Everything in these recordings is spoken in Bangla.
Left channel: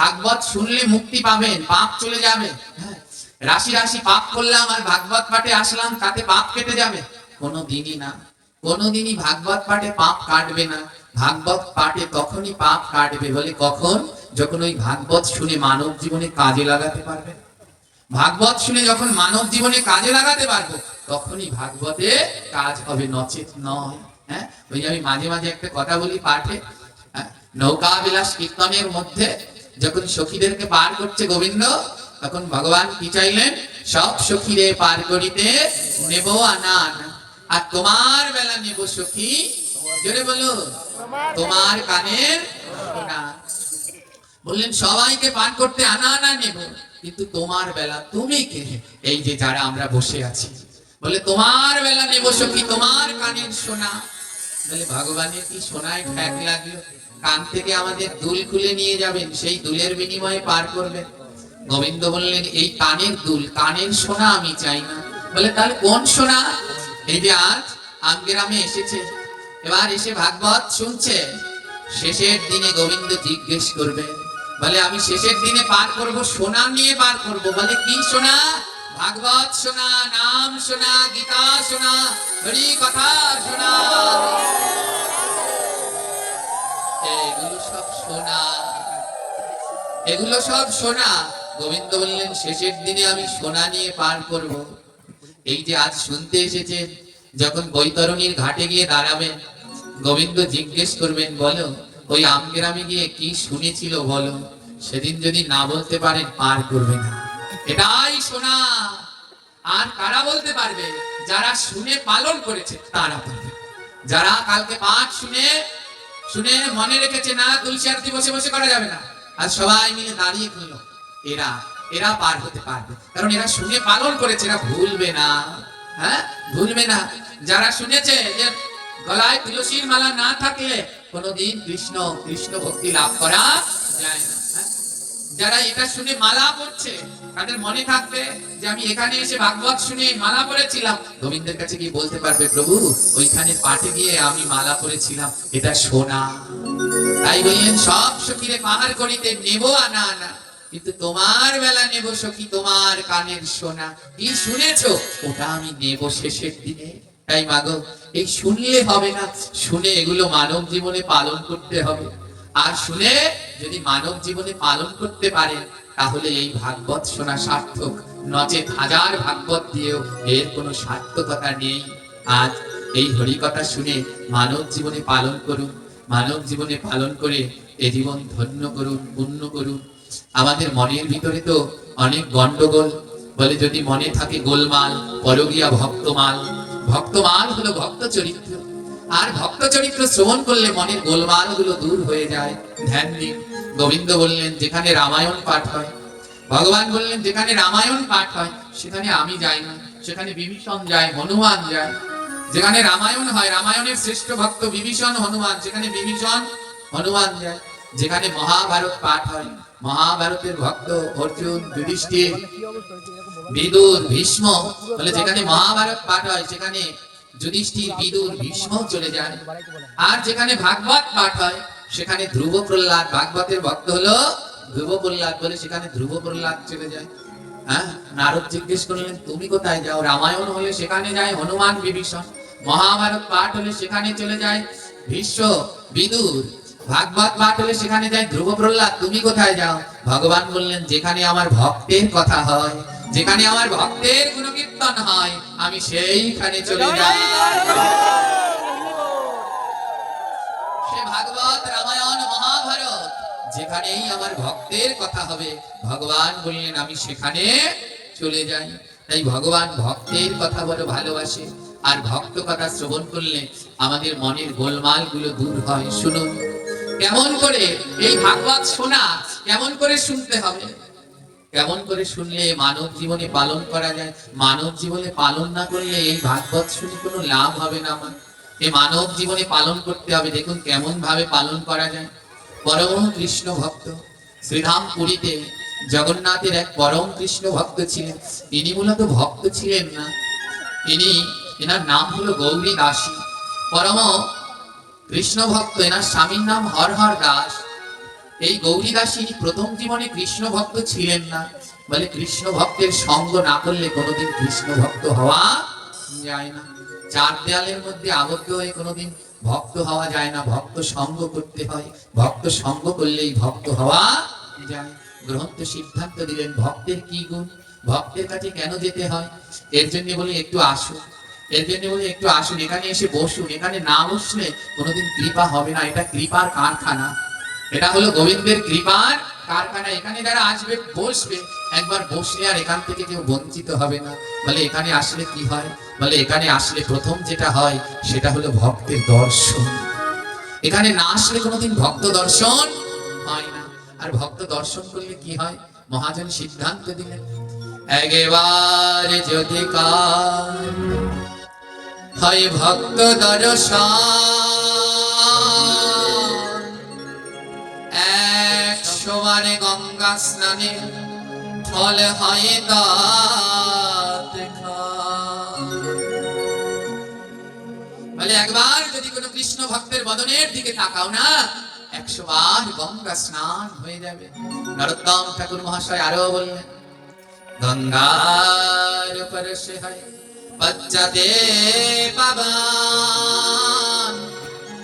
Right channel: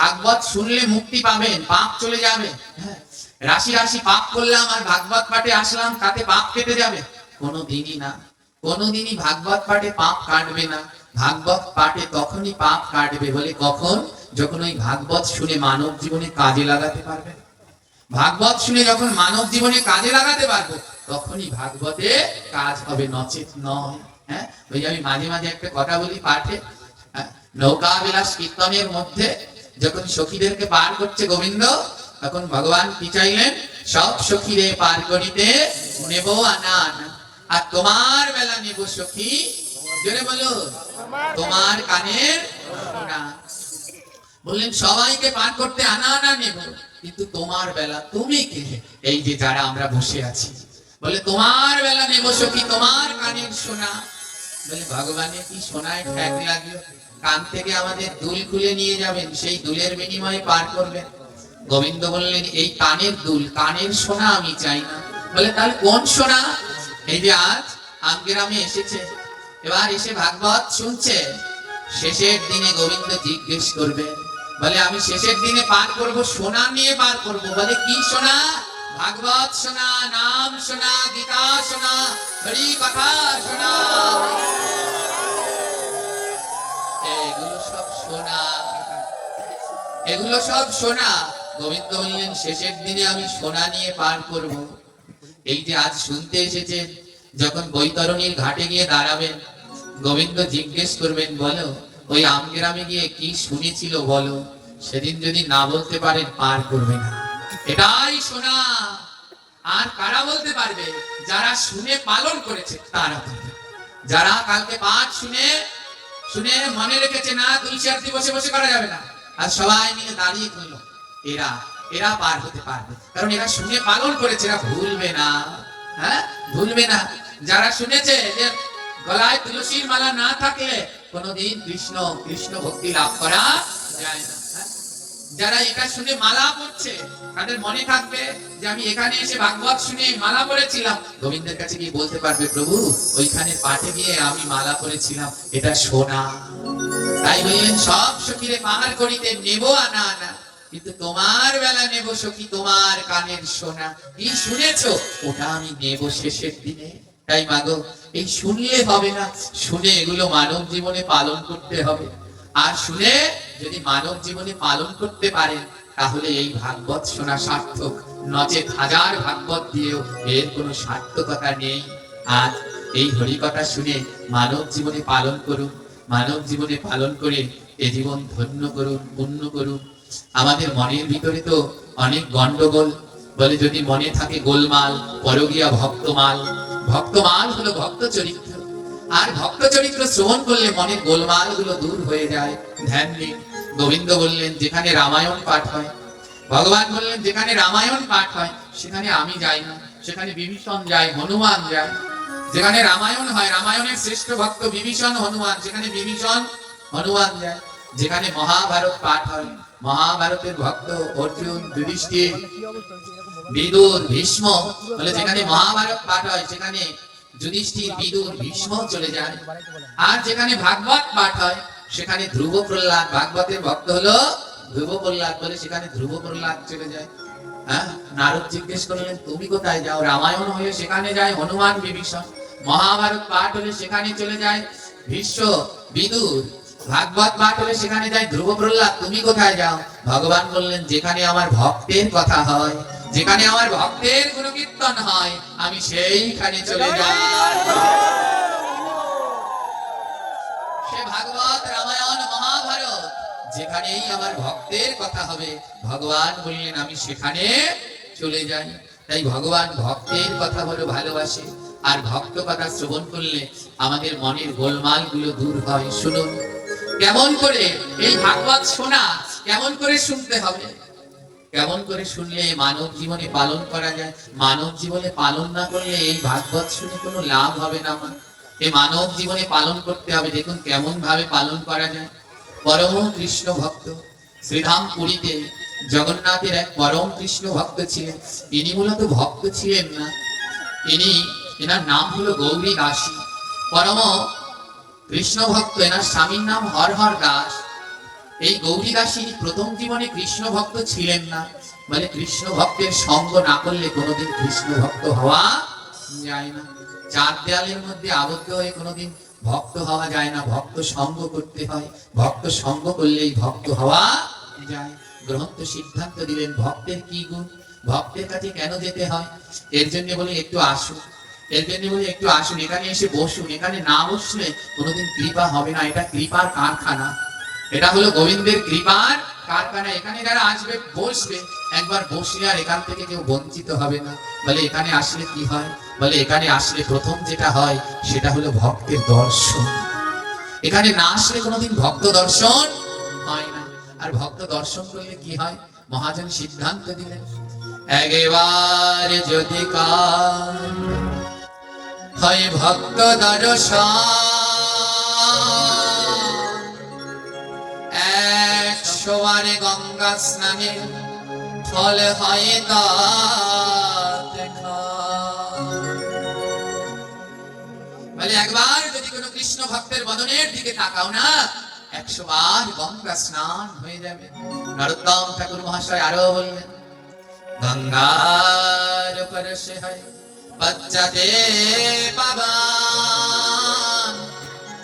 ভাগবত শুনলে মুক্তি পাবেন, পাপ চলে যাবে। হ্যাঁ, রাশি রাশি পাপ করলাম আর ভাগবত পাঠে আসলাম, তাতে পাপ কেটে যাবে? কোনোদিনই না। কোনোদিনই ভাগবত পাঠে পাপ কাটবে না। ভাগবত পাঠে তখনই পাপ কাটবে বলে কখন? যখন ওই ভাগবত শুনে মানব জীবনে কাজে লাগাতে পারবে। ভাগবত শুনে যখন মানব জীবনে কাজে লাগাতে পারবো, তখনই ভাগবতে কাজ হবে, নচেত নয়। হ্যাঁ, ওই আমি মাঝে মাঝে একটা কথা বলি পাঠে, নৌকা বিলাস কীর্তনের মধ্যে যখন সখীদেরকে পার করছে গোবিন্দ, তখন ভগবান কি চাইলেন? সব সখীরে পার করিতে নেব আনান, আর তোমার বেলা নেব সখী, জোরে বলো, তোমার কানের শোনা। বললেন সবাইকে পার করতে আনা আনা নেব, কিন্তু তোমার বেলা তুমি কে? এই যে যারা আমরা বসে আছি, বলে তোমার বেলা নেব সখী, তোমার কানের শোনা। বলে ভগবানের কি শোনায় ঠেক লাগলো? কান থেকে আমাদের দুল খুলে নিয়ে যাবেন, সেই দুলের বিনিময়ে পার করবেন। গোবিন্দ বললেন এই কানের দুল, কানের সোনা আমি চাই না। বলে তাহলে কোন সোনা? এই যে আজ আমগ্রামে এসেছে, এবার এসে ভাগবত শুনছে, শেষের দিনে গোবিন্দ জিজ্ঞেস করবে, বলে আমি শেষের দিনে পার করব, সোনা নিয়ে পার করব। বলে কি সোনা? ভাগবত সোনা, নাম সোনা, গীতা সোনা, হরি কথা সোনা। এগুলো সব সোনা, এগুলো সব সোনা। গোবিন্দ বললেন শেষের দিনে আমি সোনা নিয়ে পার করব। এই যে আজ শুনতে এসেছে, যখন বৈতরণীর ঘাটে গিয়ে দাঁড়াবেন, গোবিন্দ জিজ্ঞেস করবেন, বলো ওই আমগ্রামে গিয়ে কি শুনেছিল বলো। সেদিন যদি না বলতে পারেন, পার করবে না। এটাই সোনা। আর কারা বলতে পারবে? যারা শুনে পালন করেছে তারা বলবে। যারা কালকে পাঠ শুনে শুনে মনে রেখেছে, না তুলসী আরতি বসে বসে করা যাবে না, আর সবাই মিলে দাঁড়িয়ে করলো, এরা এরা পার হতে পারবে, কারণ এরা শুনে পালন করেছে, এরা ভুলবে না। হ্যাঁ, ভুলবে না। যারা শুনেছে যে গলায় তুলসীর মালা না থাকলে কোনোদিন কৃষ্ণ কৃষ্ণ ভক্তি লাভ করা যায় না। যারা এটা শুনে মালা পড়ছে, তাদের মনে থাকবে যে আমি এখানে এসে ভাগবত শুনে মালা পড়েছিলাম, গোবিন্দের কাছে গিয়ে বলতে পারবে, প্রভু ওইখানে পাঠে গিয়ে আমি মালা পড়েছিলাম, এটা সোনা। তাই বললেন সব সখীরে পার করিতে নেব আনা আনা, কিন্তু তোমার বেলা নেব সখী, তোমার কানের সোনা। কি শুনেছো? ওটা আমি নেব শেষের দিনে। তাই মাগো, এই শুনলে হবে না, শুনে এগুলো মানব জীবনে পালন করতে হবে। আর শুনে যদি মানব জীবনে পালন করতে পারে, তাহলে এই ভাগবত শোনা সার্থক, নচেত হাজার ভাগবত দিয়েও এর কোনো সার্থকতা নেই। আজ এই হরিকথা শুনে মানব জীবনে পালন করুন, মানব জীবনে পালন করে এ জীবন ধন্য করুন, পূর্ণ করুন। আমাদের মনের ভিতরে তো অনেক গন্ডগোল, বলে যদি মনে থাকে গোলমাল, পরগিয়া ভক্তমাল। ভক্তমাল হলো ভক্ত চরিত্র, আর ভক্ত চরিত্র শ্রবণ করলে মনের গোলমাল গুলো দূর হয়ে যায়। ধ্যান দিন। গোবিন্দ বললেন যেখানে রামায়ণ পাঠ হয়, ভগবান বললেন যেখানে রামায়ণ পাঠ হয় সেখানে আমি যাই না, সেখানে বিভীষণ যায়, হনুমান যায়। যেখানে রামায়ণ হয়, রামায়ণের শ্রেষ্ঠ ভক্ত বিভীষণ হনুমান, সেখানে বিভীষণ হনুমান যায়। যেখানে মহাভারত পাঠ হয়, মহাভারতের ভক্ত অর্জুন, যুধিষ্ঠির, বিদুর, ভীষ্ম। বলে যেখানে মহাভারত পাঠ হয় সেখানে যুধিষ্ঠির, বিদুর, ভীষ্ম চলে যায়। আর যেখানে ভাগবত পাঠ হয় সেখানে ধ্রুব, প্রহ্লাদ, ভাগবতের ভক্ত হলো ধ্রুব প্রহ্লাদ, বলে সেখানে ধ্রুব প্রহ্লাদ চলে যায়। হ্যাঁ, নারদ জিজ্ঞেস করলেন তুমি কোথায় যাও? রামায়ণ হলে সেখানে যায় হনুমান, বিভীষণ। মহাভারত পাঠ হলে সেখানে চলে যায় ভীষ্ম, বিদুর। ভাগবত পাঠ হলে সেখানে যায় ধ্রুব, প্রহ্লাদ। তুমি কোথায় যাও? ভগবান বললেন যেখানে আমার ভক্তের কথা হয়, যেখানে আমার ভক্তের গুণকীর্তন হয়, আমি সেইখানে চলে যাই। সে ভাগবত, রামায়ণ, মহাভারত, যেখানেই আমার ভক্তের কথা হবে, ভগবান বললেন আমি সেখানে চলে যাই। তাই ভগবান ভক্তের কথা বড় ভালোবাসে, আর ভক্ত কথা শ্রবণ করলে আমাদের মনের গোলমাল গুলো দূর হয়। শুনুন কেমন করে এই ভাগবত শোনা, কেমন করে শুনতে হবে, কেমন করে শুনলে মানব জীবনে পালন করা যায়। মানব জীবনে পালন না করলে এই ভাগবত শুনে কোনো লাভ হবে না। আমার এই মানব জীবনে পালন করতে হবে। দেখুন কেমন ভাবে পালন করা যায়। পরম কৃষ্ণ ভক্ত শ্রীধাম পুরীতে জগন্নাথের এক পরম কৃষ্ণ ভক্ত ছিলেন। ইনি মূলত ভক্ত ছিলেন না, এনার নাম হলো গৌরী দাসী। পরম কৃষ্ণ ভক্ত, এনার স্বামীর নাম হর হর দাস। এই গৌরীদাসী প্রথম জীবনে কৃষ্ণ ভক্ত ছিলেন না, বলে কৃষ্ণ ভক্তের সঙ্গ না করলে কোনোদিন কৃষ্ণ ভক্ত হওয়া যায় না। চার দেয়ালের মধ্যে আবদ্ধ হয়ে কোনোদিন ভক্ত হওয়া যায় না, ভক্ত সঙ্গ করতে হয়, ভক্ত সঙ্গ করলেই ভক্ত হওয়া যায়। গ্রন্থ সিদ্ধান্ত দিলেন ভক্তের কি গুণ, ভক্তের কাছে কেন যেতে হয়। এর জন্য বলি একটু আসুন, এর জন্য বলি একটু আসুন, এখানে এসে বসুন। এখানে না বসলে কোনোদিন কৃপা হবে না। এটা কৃপার কারখানা, এটা হলো গোবিন্দের কৃপার কারখানা। এখানে যারা আসবে বসবে, একবার বসলে আর এখান থেকে কেউ বঞ্চিত হবে না। বলে এখানে আসলে কি হয়, বলে এখানে আসলে প্রথম যেটা হয় সেটা হলো ভক্তের দর্শন। এখানে না আসলে কোনোদিন ভক্ত দর্শন হয় না। আর ভক্ত দর্শন করলে কি হয়, মহাজন সিদ্ধান্ত দিলেন একেবারে যদি কার হয় ভক্ত দর্শন, 100 বার গঙ্গা স্নানে ফল হয় দাঁত খায়। বলে একবার যদি কোনো কৃষ্ণ ভক্তের বদনের দিকে তাকাও না, 100 বার গঙ্গা স্নান হয়ে যাবে। নরোত্তম ঠাকুর মহাশয় আরো বললেন গঙ্গার পরশে হয় পশ্চাতে পাবান,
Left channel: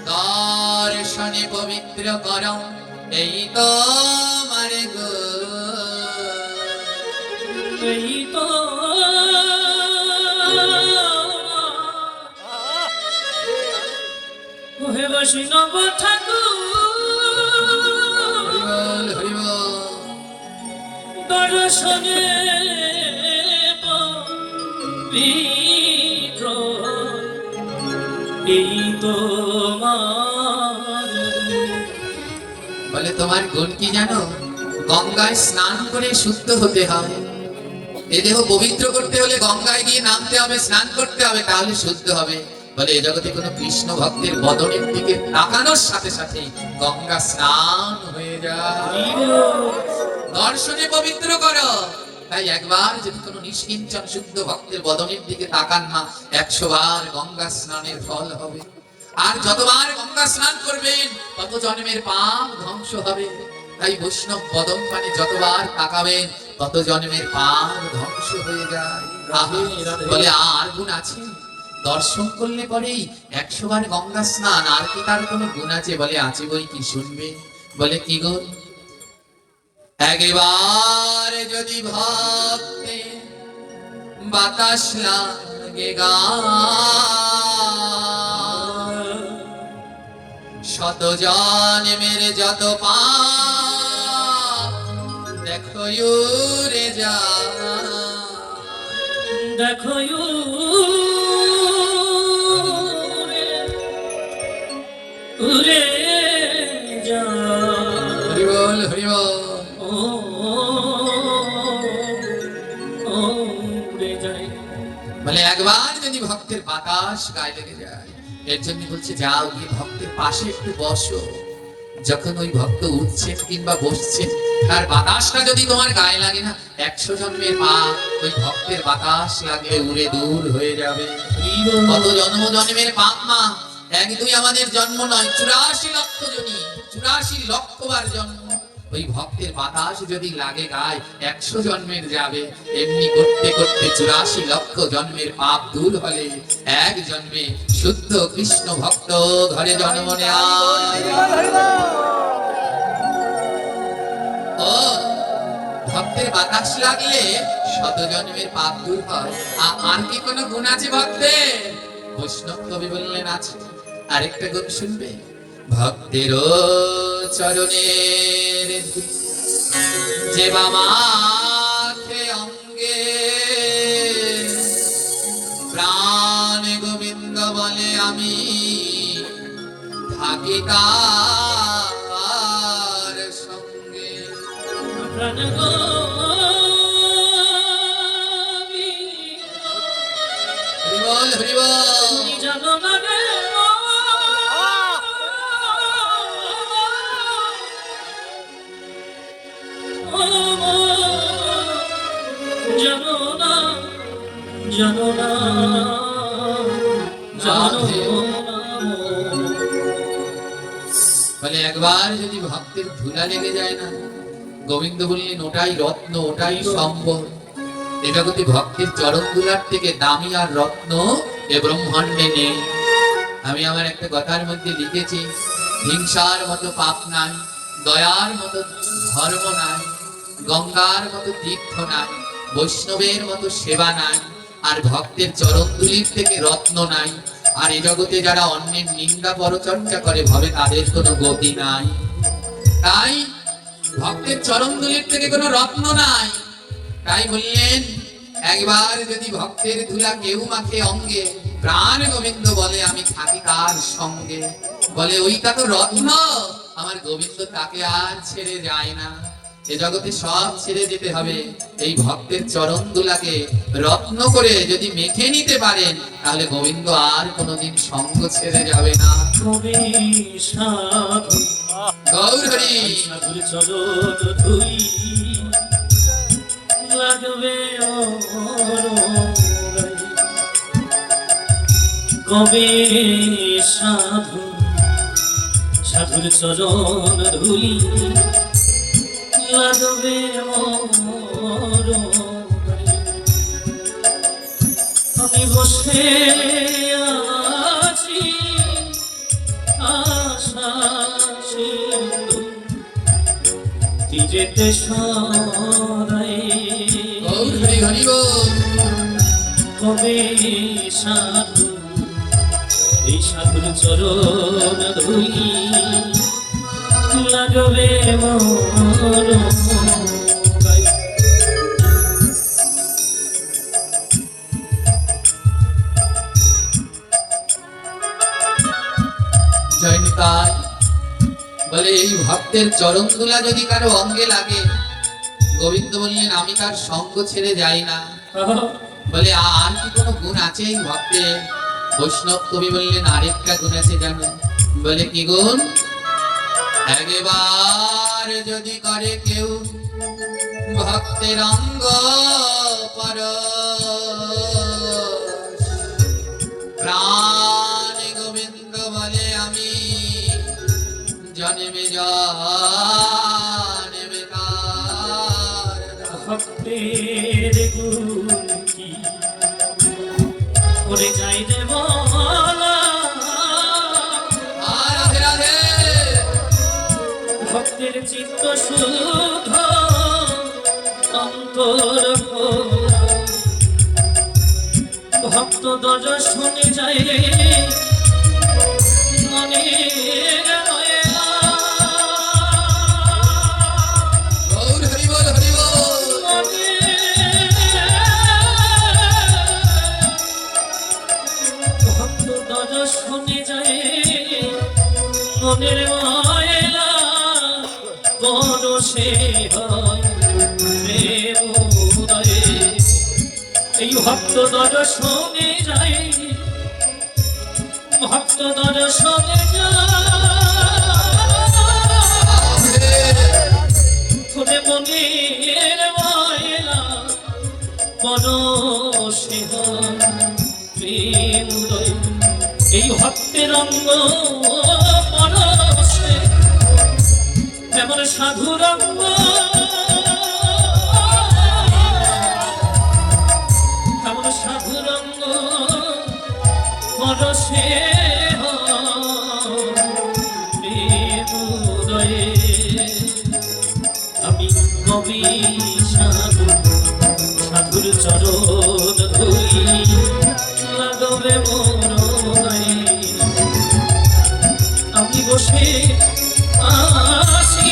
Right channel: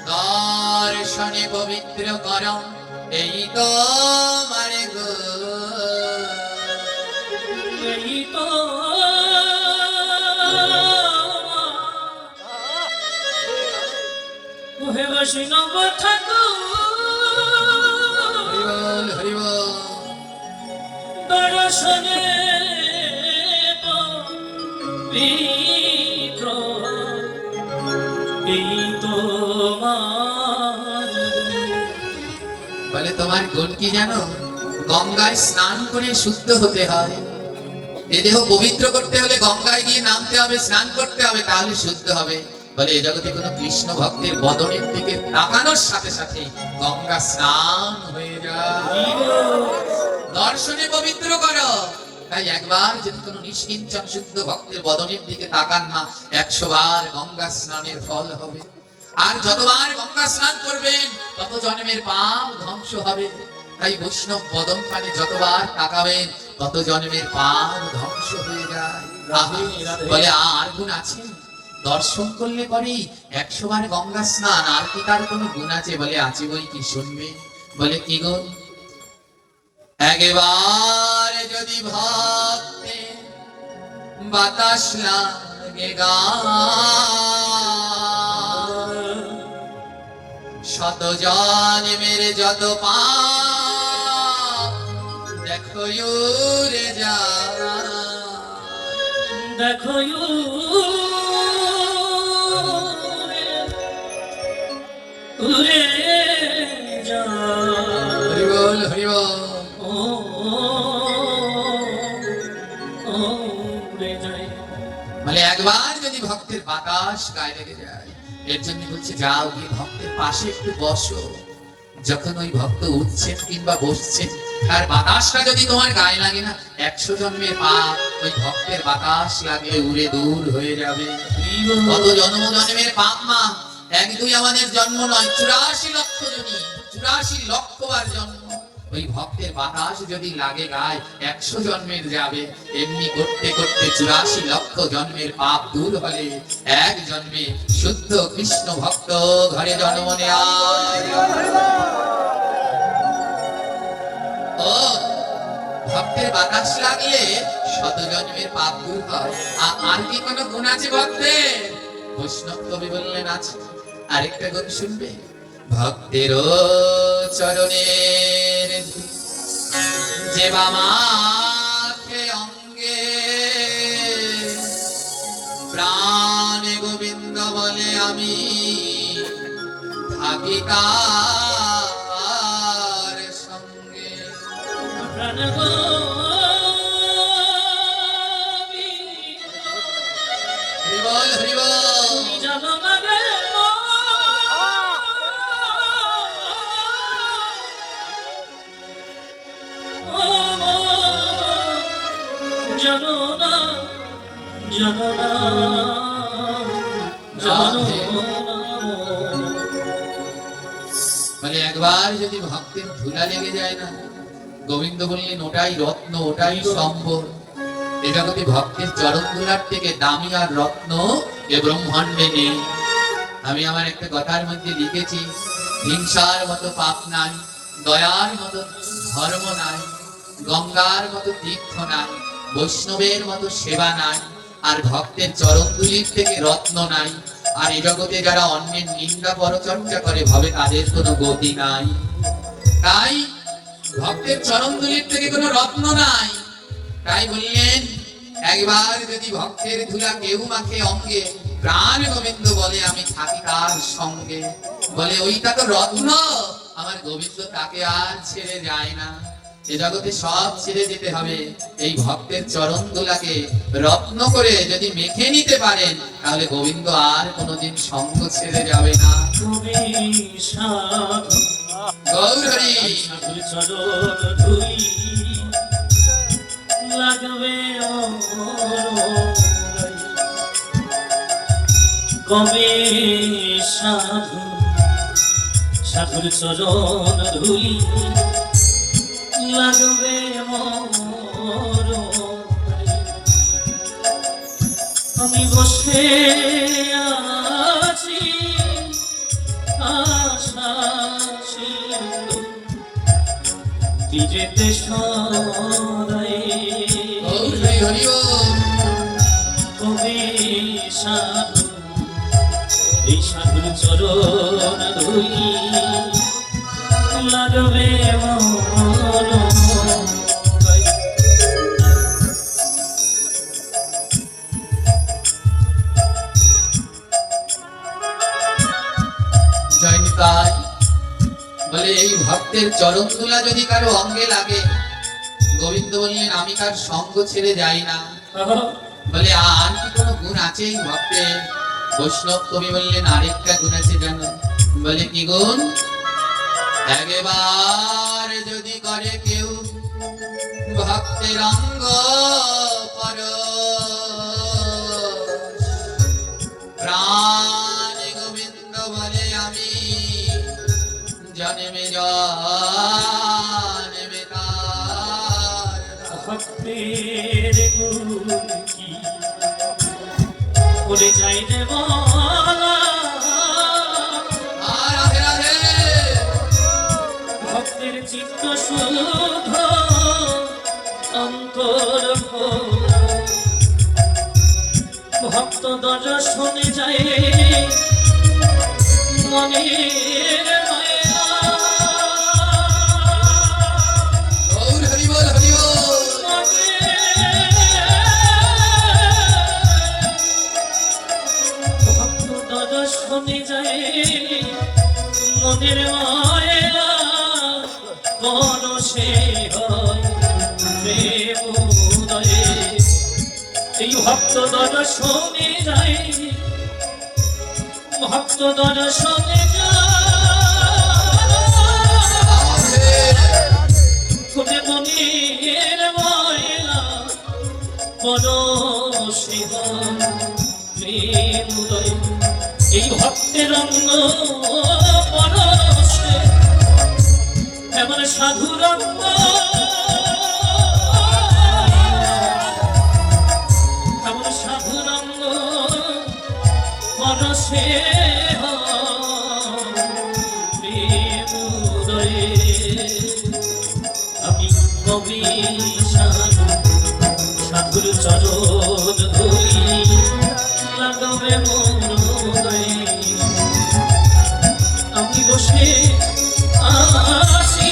দর্শনে পবিত্র করম এই তো মারে গো, এই তো মোহে বৈষ্ণব ঠাকুর হরিবল হরিবল। দর্শনে পবিত্র এই তো বলে তোমার গুণ কি জানো, গঙ্গায় স্নান করে শুদ্ধ হতে হয়। এ দেহ পবিত্র করতে হলে গঙ্গায় গিয়ে নামতে হবে, স্নান করতে হবে, তাহলে শুদ্ধ হবে। বলে এই জগতে কোনো কৃষ্ণ ভক্তের বদনের দিকে তাকানোর সাথে সাথে গঙ্গা স্নান হয়ে যায়। দর্শনে পবিত্র করো। তাই একবার যদি কোনো নিষ্কিঞ্চন শুদ্ধ ভক্তের বদনের দিকে তাকান না, 100 বার গঙ্গা স্নানের ফল হবে। আর যতবার গঙ্গা স্নান করবেন তত জন্মের পাপ ধ্বংস হবে। তাই বৈষ্ণব বদন পানে যতবার তাকাবেন তত জন্মের পাপ ধ্বংস হয়ে যায়। বলে আর গুণ আছে, দর্শন করলে পরেই 100 বার গঙ্গা স্নান, আর কি তার কোনো গুণ আছে? বলে আছে বই কি, শুনবে। বলে কি গুণ, একবার যদি ভক্তে বাতাস লাগে গান, শত জন্মের যত পাপ দেখো উড়ে যায়, দেখো উড়ে যায়। হরিবল হরিবল। বলে একবার যদি ভক্তের বাতাস গায়ে লেগে যায়, এর জন্য বলছে যাও গিয়ে ভক্তের পাশে একটু বসো। যখন ওই ভক্ত উঠছেন কিংবা বসছেন, তার বাতাসটা যদি তোমার গায়ে লাগে না, 100 জন্মের পাপ ওই ভক্তের বাতাস লাগলে উড়ে দূর হয়ে যাবে। কত জন্ম জন্মের পাপ মা, 1-2 আমাদের জন্ম নয়, 84 লক্ষ জনি, 84 লক্ষ বার জন্ম। ওই ভক্তের বাতাস যদি লাগে গায়ে, 100 জন্মের যাবে। এমনি করতে করতে 84 লক্ষ জন্মের পাপ দূর হলে এক জন্মে শুদ্ধ কৃষ্ণ ভক্ত ঘরে জন্ম নেয়। ও ভক্তের বাতাস লাগলে 100 জন্মের পাপ দূর হয়। আর কি কোনো গুণ আছে ভক্তের? বৈষ্ণব কবি বললেন আছে। আরেকটা গুণ শুনবে, ভক্তের চরণের যে বামাকে অঙ্গে প্রাণ গোবিন্দ বলে আমি থাকি তার সঙ্গে। হরিবল হরিবল। জানো না রে জানো না, জানো না, জানো না। মানে একবার যদি ভক্তের ধুলা লেগে যায় না? গোবিন্দ বললেন ওটাই রত্ন, ওটাই সম্বল। এ জগতে ভক্তের চরণ ধুলার থেকে দামি আর রত্ন এ ব্রহ্মাণ্ডে নেই। আমি আমার একটা কথার মধ্যে লিখেছি, হিংসার মতো পাপ নাই, দয়ার মতো ধর্ম নাই, গঙ্গার মতো তীর্থ নাই, বৈষ্ণবের মতো সেবা নাই, আর ভক্তের চরণ ধুলির থেকে রত্ন নাই। আর এ জগতে যারা অন্যের নিন্দা পরচর্চা করে ভাবে তাদের কোনো গতি নাই। তাই ভক্তের চরণ ধুলির থেকে কোনো রত্ন নাই। তাই বললেন একবার যদি ভক্তের ধুলা কেউ মাখে অঙ্গে, প্রাণ গোবিন্দ বলে আমি থাকি তার সঙ্গে। বলে ওইটা তো রত্ন, আমার গোবিন্দ তাকে আর ছেড়ে যায় না। এ জগতে সব ছেড়ে যেতে হবে, এই ভক্তের চরণ ধুলাকে রত্ন করে যদি মেখে নিতে পারেন তাহলে গোবিন্দ আর কোনোদিন সঙ্গ ছেড়ে যাবে না। কবি সাধু গৌর হরি। সাধুর চরণ ধুলি লাগবে কবি সাধু সাধুর চরণ ধুলি লাগবে আমি বসে আছি আশা সিন্ধু তীরেতে সদাই গৌর হরি হরি বল। কবি সাধু এই সাধুর চরণ ধুলি লাগবে মোর গায়ে। জয় নিতাই। বলে এই ভক্তের চরণ ধুলা যদি কারো অঙ্গে লাগে, গোবিন্দ বললেন আমি তার সঙ্গ ছেড়ে যাই না। বলে আর কি কোনো গুণ আছে এই ভক্তের? বৈষ্ণব কবি বললেন আরেকটা গুণ আছে জানো? বলে কি গুণ? একবার যদি করে কেউ ভক্তের অঙ্গ পরশ, প্রাণ গোবিন্দ বলে আমি জন্মে জন্মে তার দাস। ভক্তের গুণ কি করে যাই রে বলা, রাধে রাধে। ভক্তের চিত্ত শুদ্ধ অন্তর ভক্ত দর্শনে যায় মনের মায়া। গৌর হরি বল হরি বল। ভক্ত দর্শনে যায় মনের মায়া পরশে হয় প্রেম উদয়ে। এই ভক্ত দর্শনে যায় ভক্ত দর্শনে যায় মনের মায়া পরশে হয় প্রেম উদয়ে। এই ভক্তের অঙ্গ পরশে এমন সাধুর অঙ্গ, এমন সাধুর অঙ্গ পরশে প্রেম উদয়ে। আমি কবি সাধু সাধুর চরণ ধরি লাগবে মোর গায়ে। আমি বসে আছি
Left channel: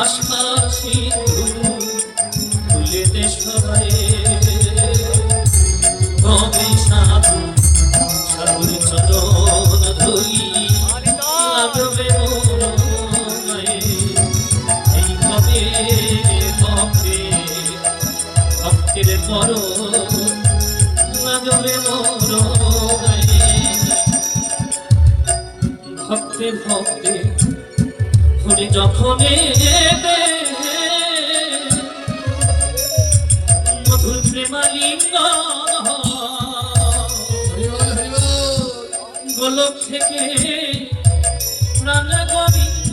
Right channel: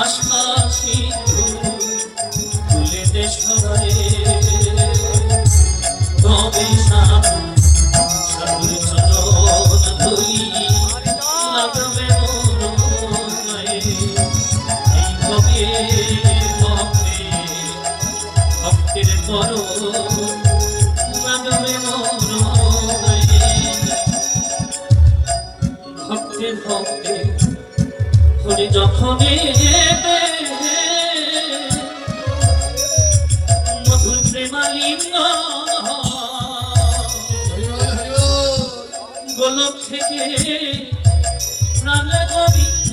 আশা সিন্ধু তুলেতে সবাই কবি সাধু সাধুর চরণ ধরি লাগবে মোর গায়ে। এই কবে ভক্তের করো লাগবে মোর গায়ে। ভক্তের ভক্তে হরি যখন মধুর প্রেমালিঙ্গ গোলক থেকে প্রাণ গোবিন্দ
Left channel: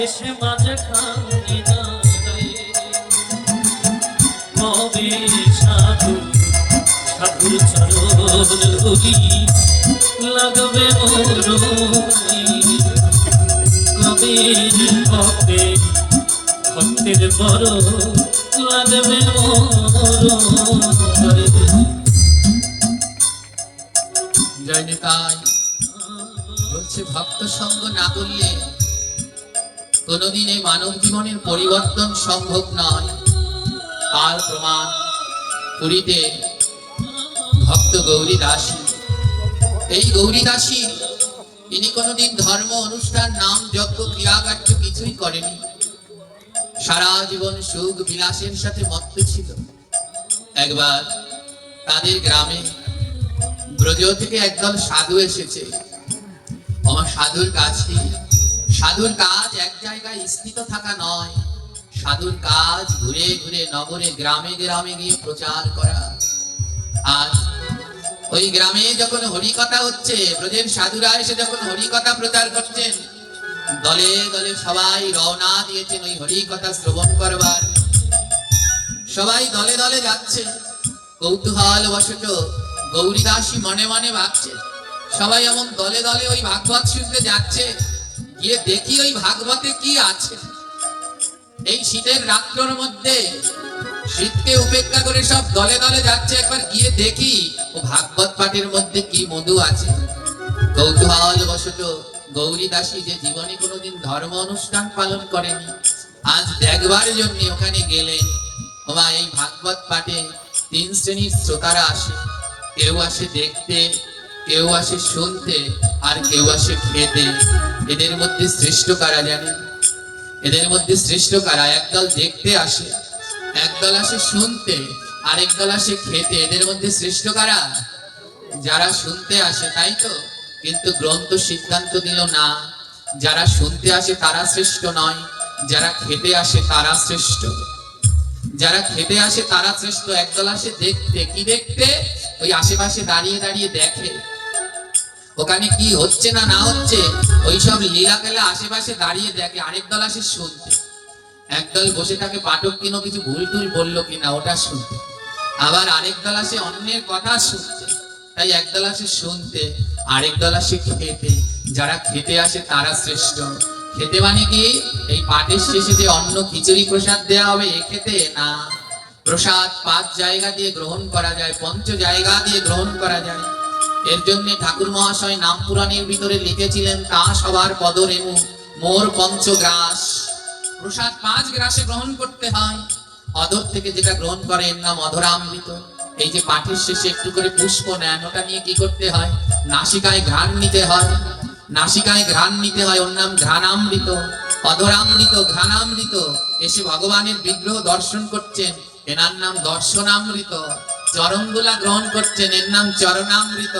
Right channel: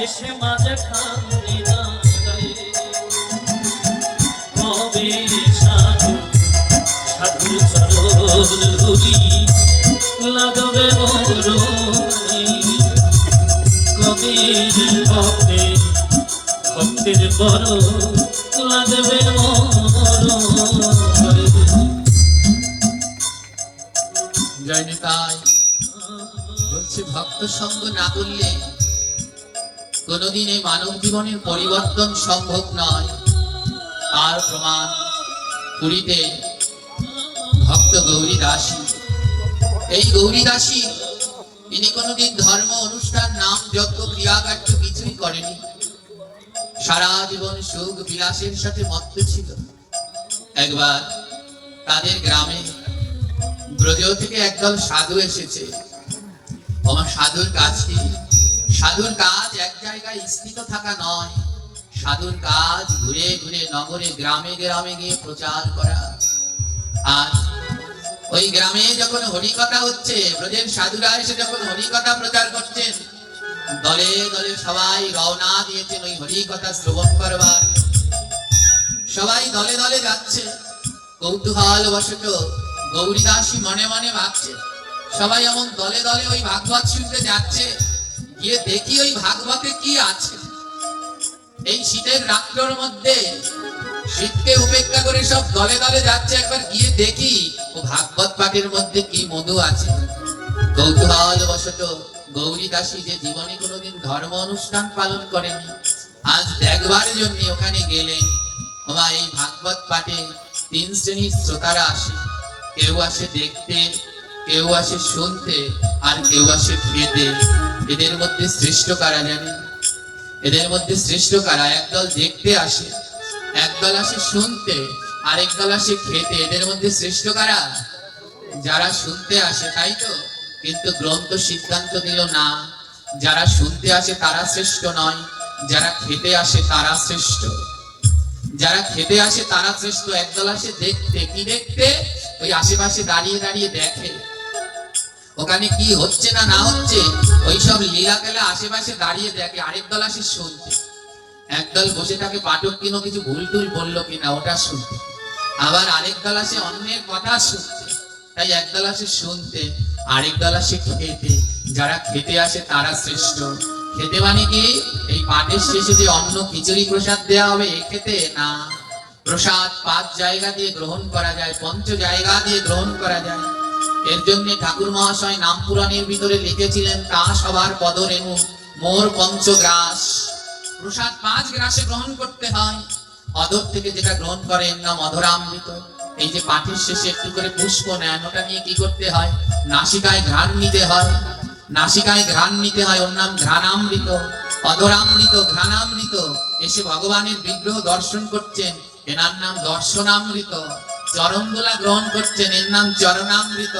শেষে মাঝে খানি না গায়ে কবে সাধু সাধু চরণ ধুলি লাগবে মোর কবে ভক্তে ভক্তের বড় লাগবে মোর জয় নিতাই বলছে ভক্ত সঙ্গ না করলে কোনোদিন এই মানব জীবনের পরিবর্তন সম্ভব নয়। তার প্রমাণ পুরীতে ভক্ত গৌরী দাসী। এই গৌরী দাসী তিনি কোনোদিন ধর্ম অনুষ্ঠান নাম যজ্ঞ ক্রিয়াকার্য কিছুই করেনি। সারা জীবন সুখ বিলাসের সাথে মত্ত ছিল। একবার তাদের গ্রামে ব্রজ থেকে একদল সাধু এসেছে। আমার সাধুর কাজ কি? সাধুর কাজ এক জায়গায় স্থিত থাকা নয়, সাধুর কাজ ঘুরে ঘুরে নগরে গ্রামে গ্রামে গিয়ে প্রচার করা। আর ওই গ্রামে যখন হরিকথা হচ্ছে, ব্রজের সাধুরা এসে যখন হরিকথা প্রচার করছেন, দলে দলে সবাই রওনা দিয়েছেন ওই হরিকথা শ্রবণ করবার। সবাই দলে দলে যাচ্ছে। কৌতূহল বশত গৌরী দাসী মনে মনে ভাবছে, সবাই এমন দলে দলে ওই ভাগবত শুনতে যাচ্ছে, গিয়ে দেখি ওই ভাগবতে কি আছে। এই শীতের রাত্রের মধ্যে শীতকে উপেক্ষা করে সব দলে দলে যাচ্ছে, একবার গিয়ে দেখি ও ভাগবত পাঠের মধ্যে কি মধু আছে। কৌতূহল বশত গৌরী দাসী যে জীবনে কোনোদিন ধর্ম অনুষ্ঠান পালন করেনি, আজ দেখবার জন্য ওখানে গেলেন। ওমা, এই ভাগবত পাঠে তিন শ্রেণীর শ্রোতারা আসে। কেউ আসে দেখতে, কেউ আসে শুনতে, আর কেউ আসে খেতে। এদের মধ্যে শ্রেষ্ঠ কারা জানেন? এদের মধ্যে শ্রেষ্ঠ কারা? একদল দেখতে আসে, একদল আসে শুনতে, আরেক দল আসে খেতে। এদের মধ্যে শ্রেষ্ঠ কারা? যারা শুনতে আসে, তাই তো? কিন্তু গ্রন্থ সিদ্ধান্ত দিল না, যারা শুনতে আসে তারা শ্রেষ্ঠ নয়, যারা খেতে আসে তারা শ্রেষ্ঠ। যারা খেতে আসে তারা শ্রেষ্ঠ। একদল আসে দেখতে। কি দেখতে? ওই আশেপাশে দাঁড়িয়ে দাঁড়িয়ে দেখে ওখানে কি হচ্ছে না না হচ্ছে, ওই সব লীলা খেলা আশেপাশে দাঁড়িয়ে দেখে। আরেক দল আসে শুনতে। একদল বসে থাকে পাঠক কিনো কিছু ভুল টুল বললো কিনা ওটা শুনতে, আবার আরেক দল আসে অন্যের কথা শুনতে। তাই একদল আসে শুনতে, আরেক দল আসে খেতে। যারা খেতে আসে তারা শ্রেষ্ঠ। খেতে মানে কি? এই পাঠের শেষে যে অন্ন খিচুড়ি প্রসাদ দেয়া হবে এ খেতে না। প্রসাদ 5 জায়গা দিয়ে গ্রহণ করা যায়, 5 জায়গা দিয়ে গ্রহণ করা যায়। এর জন্য ঠাকুর মহাশয় নাম পুরাণের ভিতরে লিখেছিলেন, তা সবার পদরেণু মোর পঞ্চগ্রাস। প্রসাদ 5 গ্রাসে গ্রহণ করতে হয়। অধর থেকে যেটা গ্রহণ করে এর নাম অধরামৃত। এই যে পাঠের শেষে একটু করে পুষ্প নেন, ওটা নিয়ে কি করতে হয়? নাসিকায় ঘ্রাণ নিতে হয়। নাসিকায় ঘ্রাণ নিতে হয়, ওর নাম ঘ্রাণামৃত। অধরামৃত, ঘ্রাণামৃত। এসে ভগবানের বিগ্রহ দর্শন করছেন, এনার নাম দর্শনামৃত। চরণগুলা গ্রহণ করছেন, এর নাম চরণামৃত।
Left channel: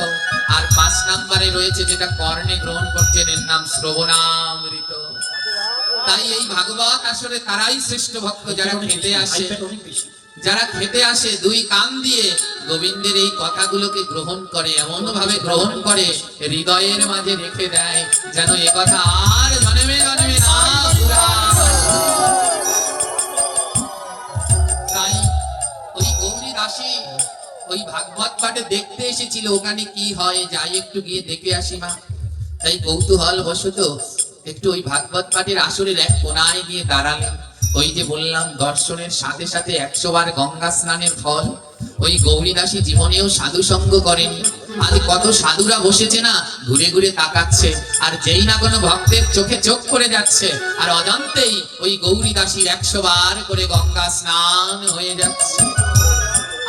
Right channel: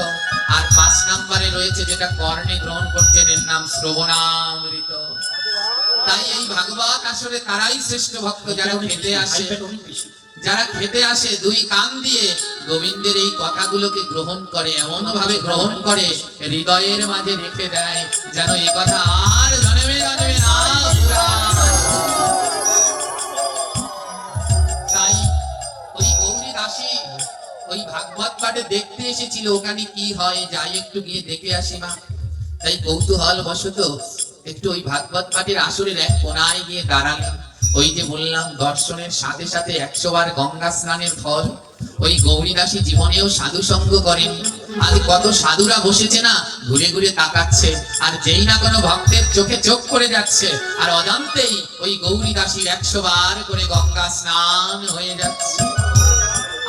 আর 5 নম্বরে রয়েছে যেটা কর্ণে গ্রহণ করছেন, এর নাম শ্রবণামৃত। তাই এই ভাগবত আসলে তারাই শ্রেষ্ঠ ভক্ত যারা খেতে আসে। যারা খেতে আসে 2 কান দিয়ে গোবিন্দের এই কথাগুলোকে গ্রহণ করে, এমন ভাবে গ্রহণ করে হৃদয়ের মাঝে রেখে দেয়, যেন এ কথা আর জন্মে জন্মে না ভুলায়। তাই ওই গৌরী দাসী ওই ভাগবত পাঠে দেখতে এসেছিল, ওখানে কি হয় যাই একটু গিয়ে দেখে আসি মা। তাই কৌতূহল বশত একটু ওই ভাগবত পাঠের আসরের এক কোনায় গিয়ে দাঁড়ালেন। ওই যে বললাম দর্শনের সাথে সাথে 100 বার গঙ্গা স্নানের ফল। ওই গৌরী দাসী জীবনেও সাধু সঙ্গ করেন। আজ কত সাধুরা বসেছে না, ঘুরে ঘুরে তাকাচ্ছে, আর যেই না কোনো ভক্তের চোখে চোখ পড়ে যাচ্ছে, আর অজান্তেই ওই গৌরী দাসীর 100 বার করে গঙ্গা স্নান হয়ে যাচ্ছে।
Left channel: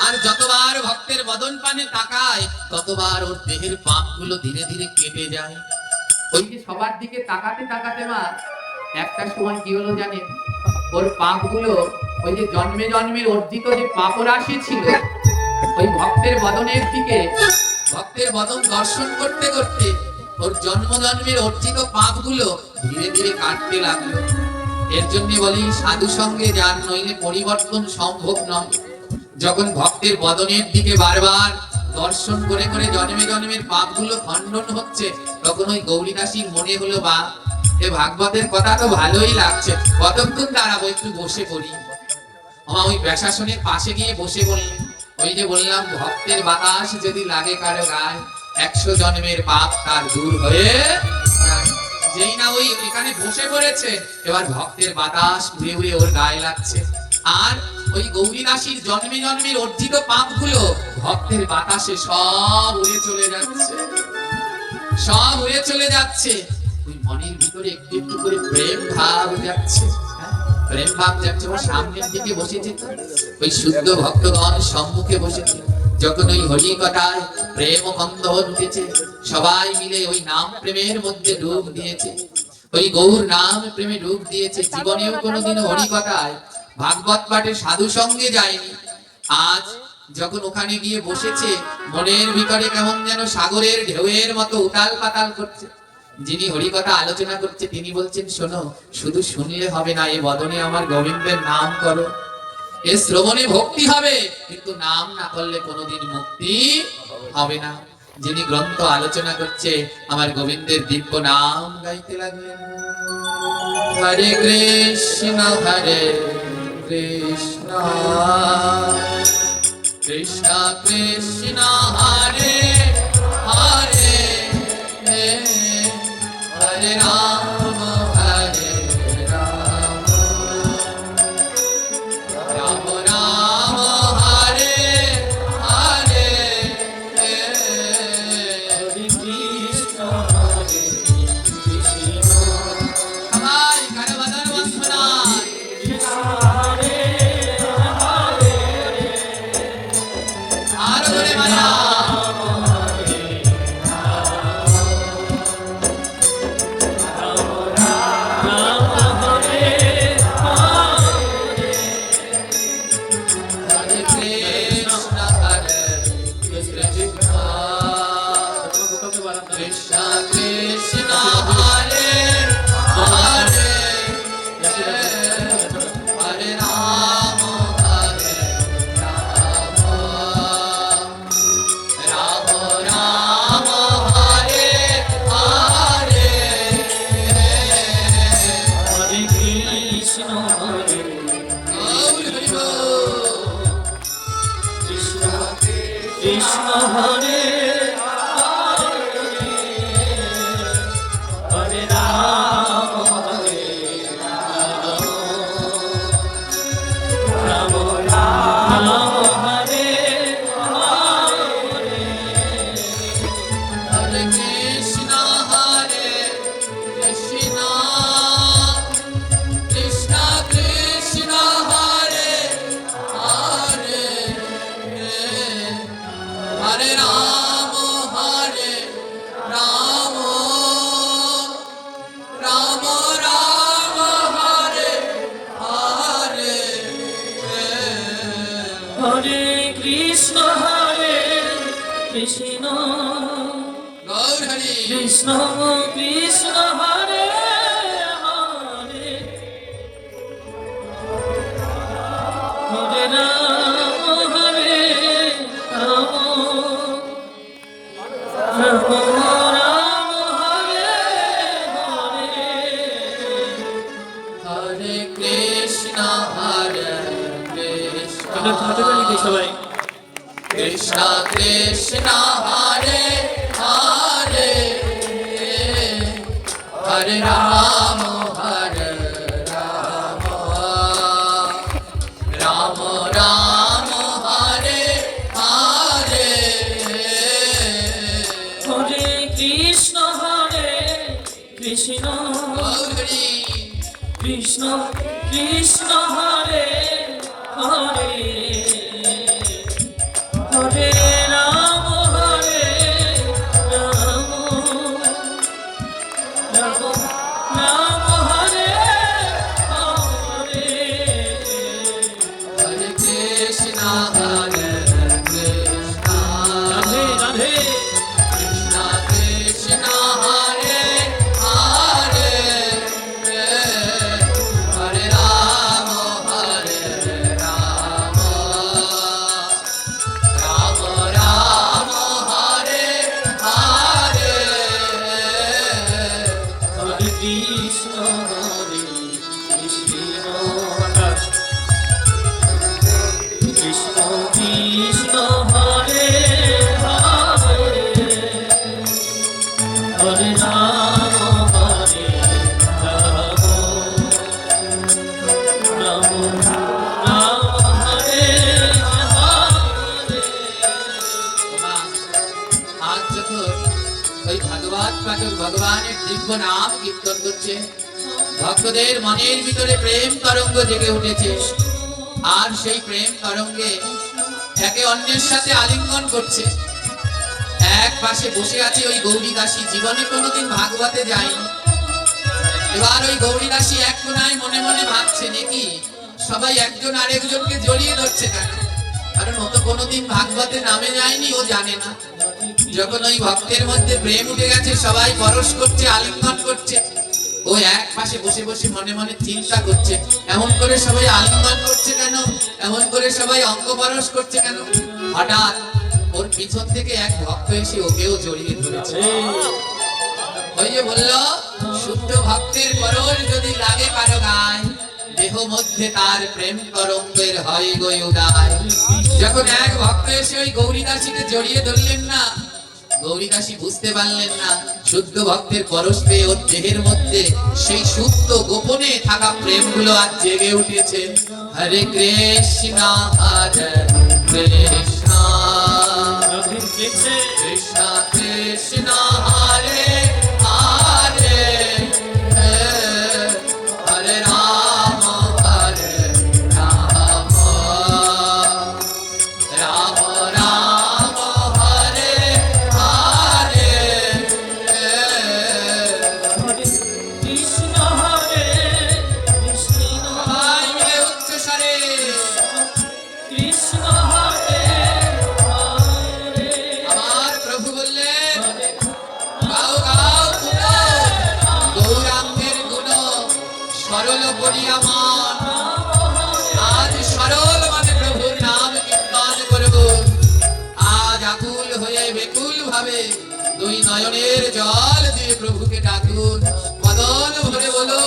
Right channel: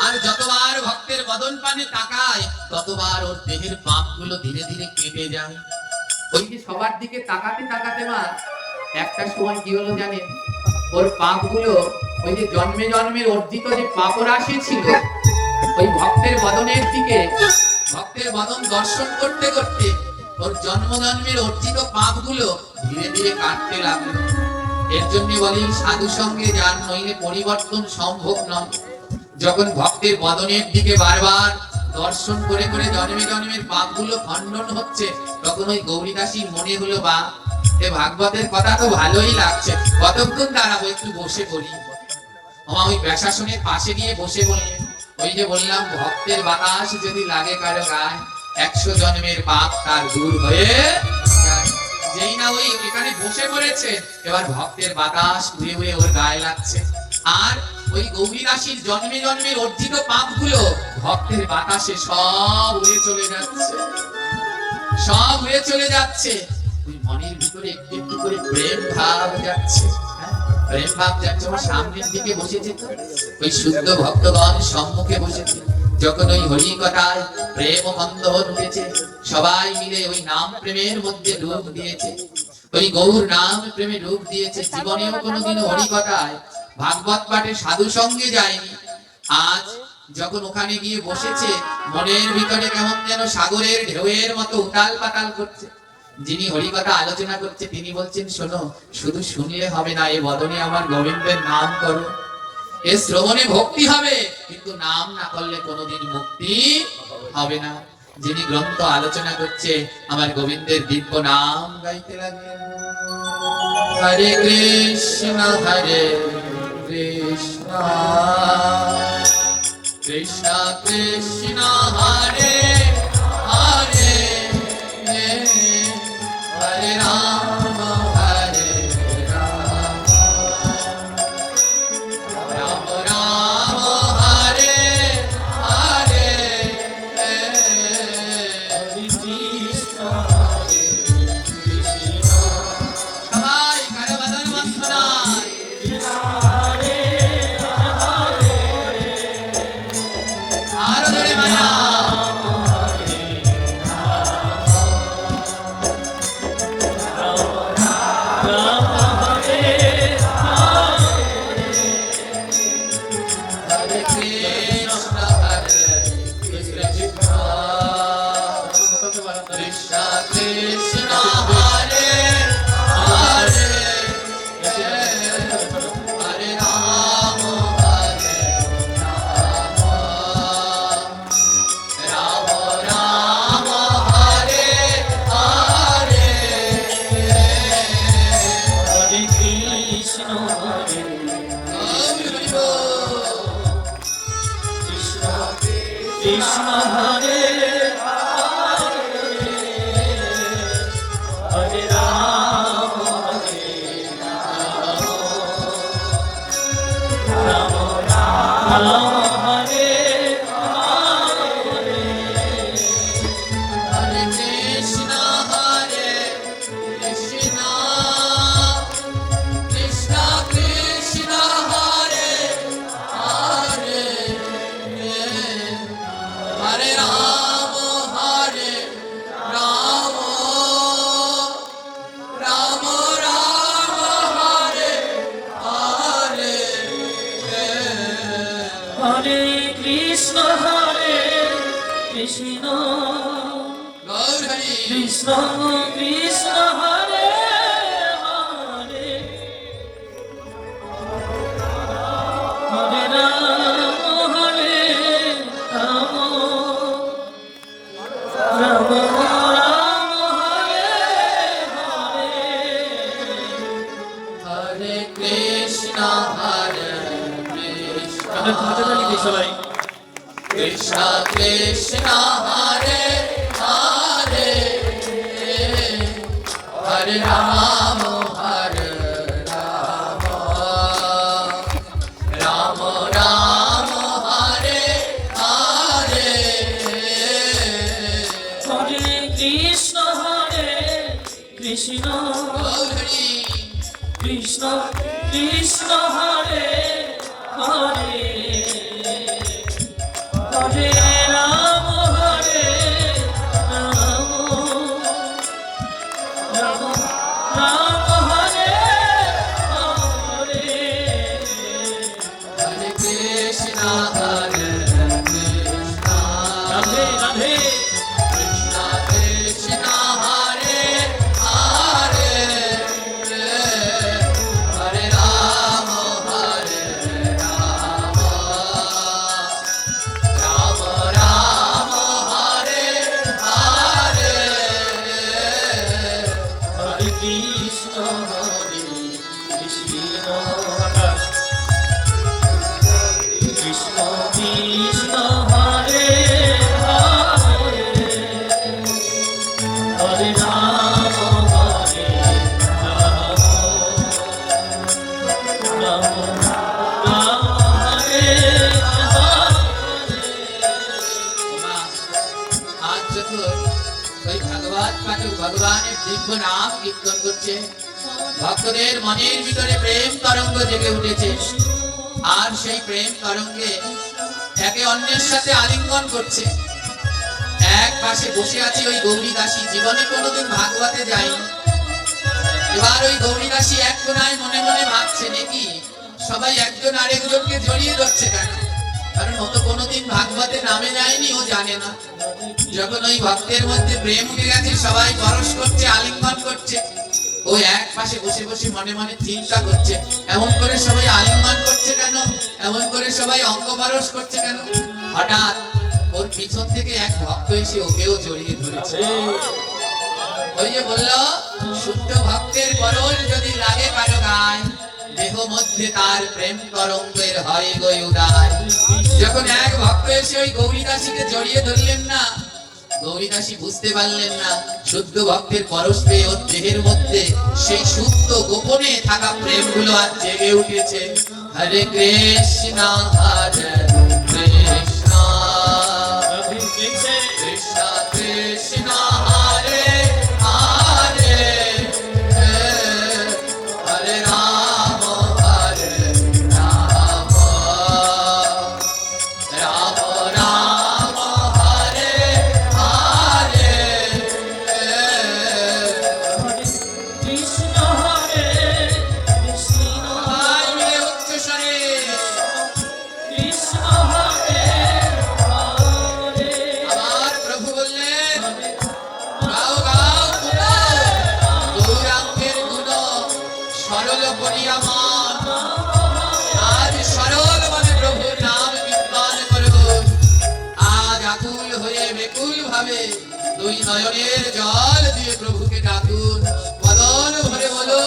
আর যতবার ভক্তের বদন পানে তাকায়, ততবার ওর দেহের পাপগুলো ধীরে ধীরে কেটে যায়। ওই যে সবার দিকে তাকাতে তাকাতে মা একটা সময় কি হলো জানেন? ওর পাপগুলো, ওই যে জন্মে জন্মের অর্জিত যে পাপ রাশি ছিল, ওই ভক্তের বদনের দিকে, ভক্তের বদন দর্শন করতে করতে ওর জন্ম জন্মের অর্জিত পাপগুলো ধীরে ধীরে কাটতে লাগলো। এর জন্য বলি সাধু সঙ্গে যান, নইলে পরিবর্তন সম্ভব নয়। যখন ভক্তের বদনের দিকে বারবার দর্শন করে করে জন্মে জন্মের পাপগুলো খণ্ডন হচ্ছে, তখন ওই গৌরী দাসীর মনে হলো, বা এ ভাগবতের কথা তো ভালোই লাগছে, কতক্ষণ দাঁড়াবো, একটু বসে পড়ি। ওই ব্যাসাসনের পাশে গিয়ে বসে বললেন, ওই যে বললাম ভক্তের বাতাস যদি লাগে কারো গায়ে, 100 জন্মের পাপ তার দূর হয়ে যায়। যেই না ওই এখানে বসে পড়েছে, এবার ভক্তের বাতাস উড়ে উড়ে ওর গায়ে লাগছে, আর ওই গৌরী দাসীর জন্মে জন্মের অর্জিত পাপগুলো ভক্তের বাতাসে সব উড়ে চলে যাচ্ছে, সব উড়ে চলে যাচ্ছে। ওই মনের ভিতরে একটু একটু করে প্রেম ভাব যাচ্ছে, প্রেম ভাব যাচ্ছে। ওর সামনের দিকে বসেছে, ওই শুদ্ধ ভক্তগণ সম্মুখে বসেছে। যখন ওই হরি কথায় প্রেম বন্ধন উঠেছে, সবাই মিলে ওই নাম প্রেমের মধ্যে ডুব দিয়েছে, ওই গৌর নাম প্রেমে ডুব দিয়েছে। জীবনেও কোনোদিন হরি কথায় ভাগবত পাঠে সাধু সঙ্গে যায়নি, আজ যখন ওখানে গিয়ে বসেছে, মনের ভিতরে কেমন যেন সাগরের ঢেউয়ের মতো উতাল পাতাল করছে। যিনি হরিকথা আলোচনা করছে তিনি বলছেন, শোনো, শুধু শুনলে হবে না, এ বদনে আমার গোবিন্দের নাম করো, এ শ্রবণে ভক্তি হবে, কিন্তু নাম না করলে কোনোদিন মুক্তি হবে না। যিনি গ্রন্থ আলোচনা করছে, আমার গোবিন্দের দিব্য নাম গাইতে লাগলেন, হরে কৃষ্ণ কৃষ্ণ কৃষ্ণ কৃষ্ণ হরে হরে, হরে রাম হরে রাম, রাম রাম হরে হরে, হরে কৃষ্ণ হরে কৃষ্ণ, সবাই কানে বাজানো বন্ধনায়, আরো জোরে মায়া, হরে কৃষ্ণ কৃষ্ণ কৃষ্ণ কৃষ্ণ হরে হরে, হরে রাম হরে রাম, রাম রাম হরে হরে, হরে কৃষ্ণ হরে কৃষ্ণ কৃষ্ণ হরে হরে রাম হরে রাম, রাম রাম হরে হরে কৃষ্ণ কৃষ্ণ কৃষ্ণ কৃষ্ণ হরে হরে, হরে রাম হরে রাম, রাম রাম হরে হরে, হরে কৃষ্ণ কৃষ্ণ গৌর হরি কৃষ্ণ কৃষ্ণ হরে হরে, হরে রাম হরে রাম, রাম রাম হরে হরে, হরে কৃষ্ণ কৃষ্ণ হাতে তালি দিই সবাই, কৃষ্ণ কৃষ্ণ হরে হরে, হরে রাম হরে রাম, রাম রাম হরে হরে, হরে কৃষ্ণ কৃষ্ণ গৌর হরি কৃষ্ণ কৃষ্ণ হরে হরে, হরে রাম রাম, রাম হরে হরে, হরে কৃষ্ণ কৃষ্ণ, রাধে রাধে, কৃষ্ণ কৃষ্ণ হরে হরে, হরে রাম হরে রাম, কৃষ্ণ কৃষ্ণ হরে হরে হরে রাম রাম রাম হরে হরে। মা, আজ যখন ওই ভাগবত পাঠক ভগবানের দিব্য নাম কীর্তন করছে, ভক্তদের মনের ভিতরে প্রেম তরঙ্গ জেগে উঠেছে, আর সেই প্রেম তরঙ্গে একে অন্যের সাথে আলিঙ্গন করছে। এক পাশে বসে আছে ওই গৌরী দাসী, জীবনে কোনোদিন ভাগবতে যায়নি। এবার ওই গৌরী দাসী এক কোনায় মনে মনে ভাবছে, নাকি সবাই একজন আরেকজনকে জড়িয়ে ধরছে কেন? কারণ ও তো কোনোদিন ভাগবতে নামে যায়নি, ও জানে না। যখন ওই ভক্তের মধ্যে প্রেম উঠে গেছে, সবাই পরশ করছে, আলিঙ্গন করছে, ও এক পাশে বসে বসে মনে মনে চিন্তা করছে, এমন করে সবাই আলিঙ্গন করছে কেন, এমন করে সবাই অঙ্গ পরশ করছে কেন? হঠাৎ ওর পিছন থেকে এক ভক্ত এসে ওকেও জড়িয়ে ধরেছে। ওই যে বললো, শুদ্ধ ভক্তের পরশ যদি লাগে কারো গায়, দেহ মধ্যে তার প্রেম তরঙ্গের হয় গো উদয়। যখন এক ভক্ত এসে ওই গৌরী দাসীকে জড়িয়ে ধরলেন না, গৌরী দাসী বুঝতে পারলেন না, শুদ্ধ ভক্তের পরশ পেয়ে ওর দেহের মধ্যে সেই সুপ্ত গোপনে থাকা প্রেম গুলো আজ জেগে উঠেছে। হরে কৃষ্ণ হরে কৃষ্ণ রাধে কৃষ্ণ কৃষ্ণ কৃষ্ণ হরে হরে হরে রাম রাম রাম হরে হরে। কৃষ্ণ হরে কৃষ্ণ সবাই মিলে উচ্চস্বরে কৃষ্ণ হরে হরে আমার প্রভু বললেন, গাও গাও গুণ, গৌরাঙ্গের গুণ সরল করিয়া মন। আজ সরল মানে প্রভুর নাম কীর্তন করব। আজ আকুল হয়ে বেকুল ভাবে দুই নয়নের জল দিয়ে প্রভুকে ডাকুন, বদন ভরে বলো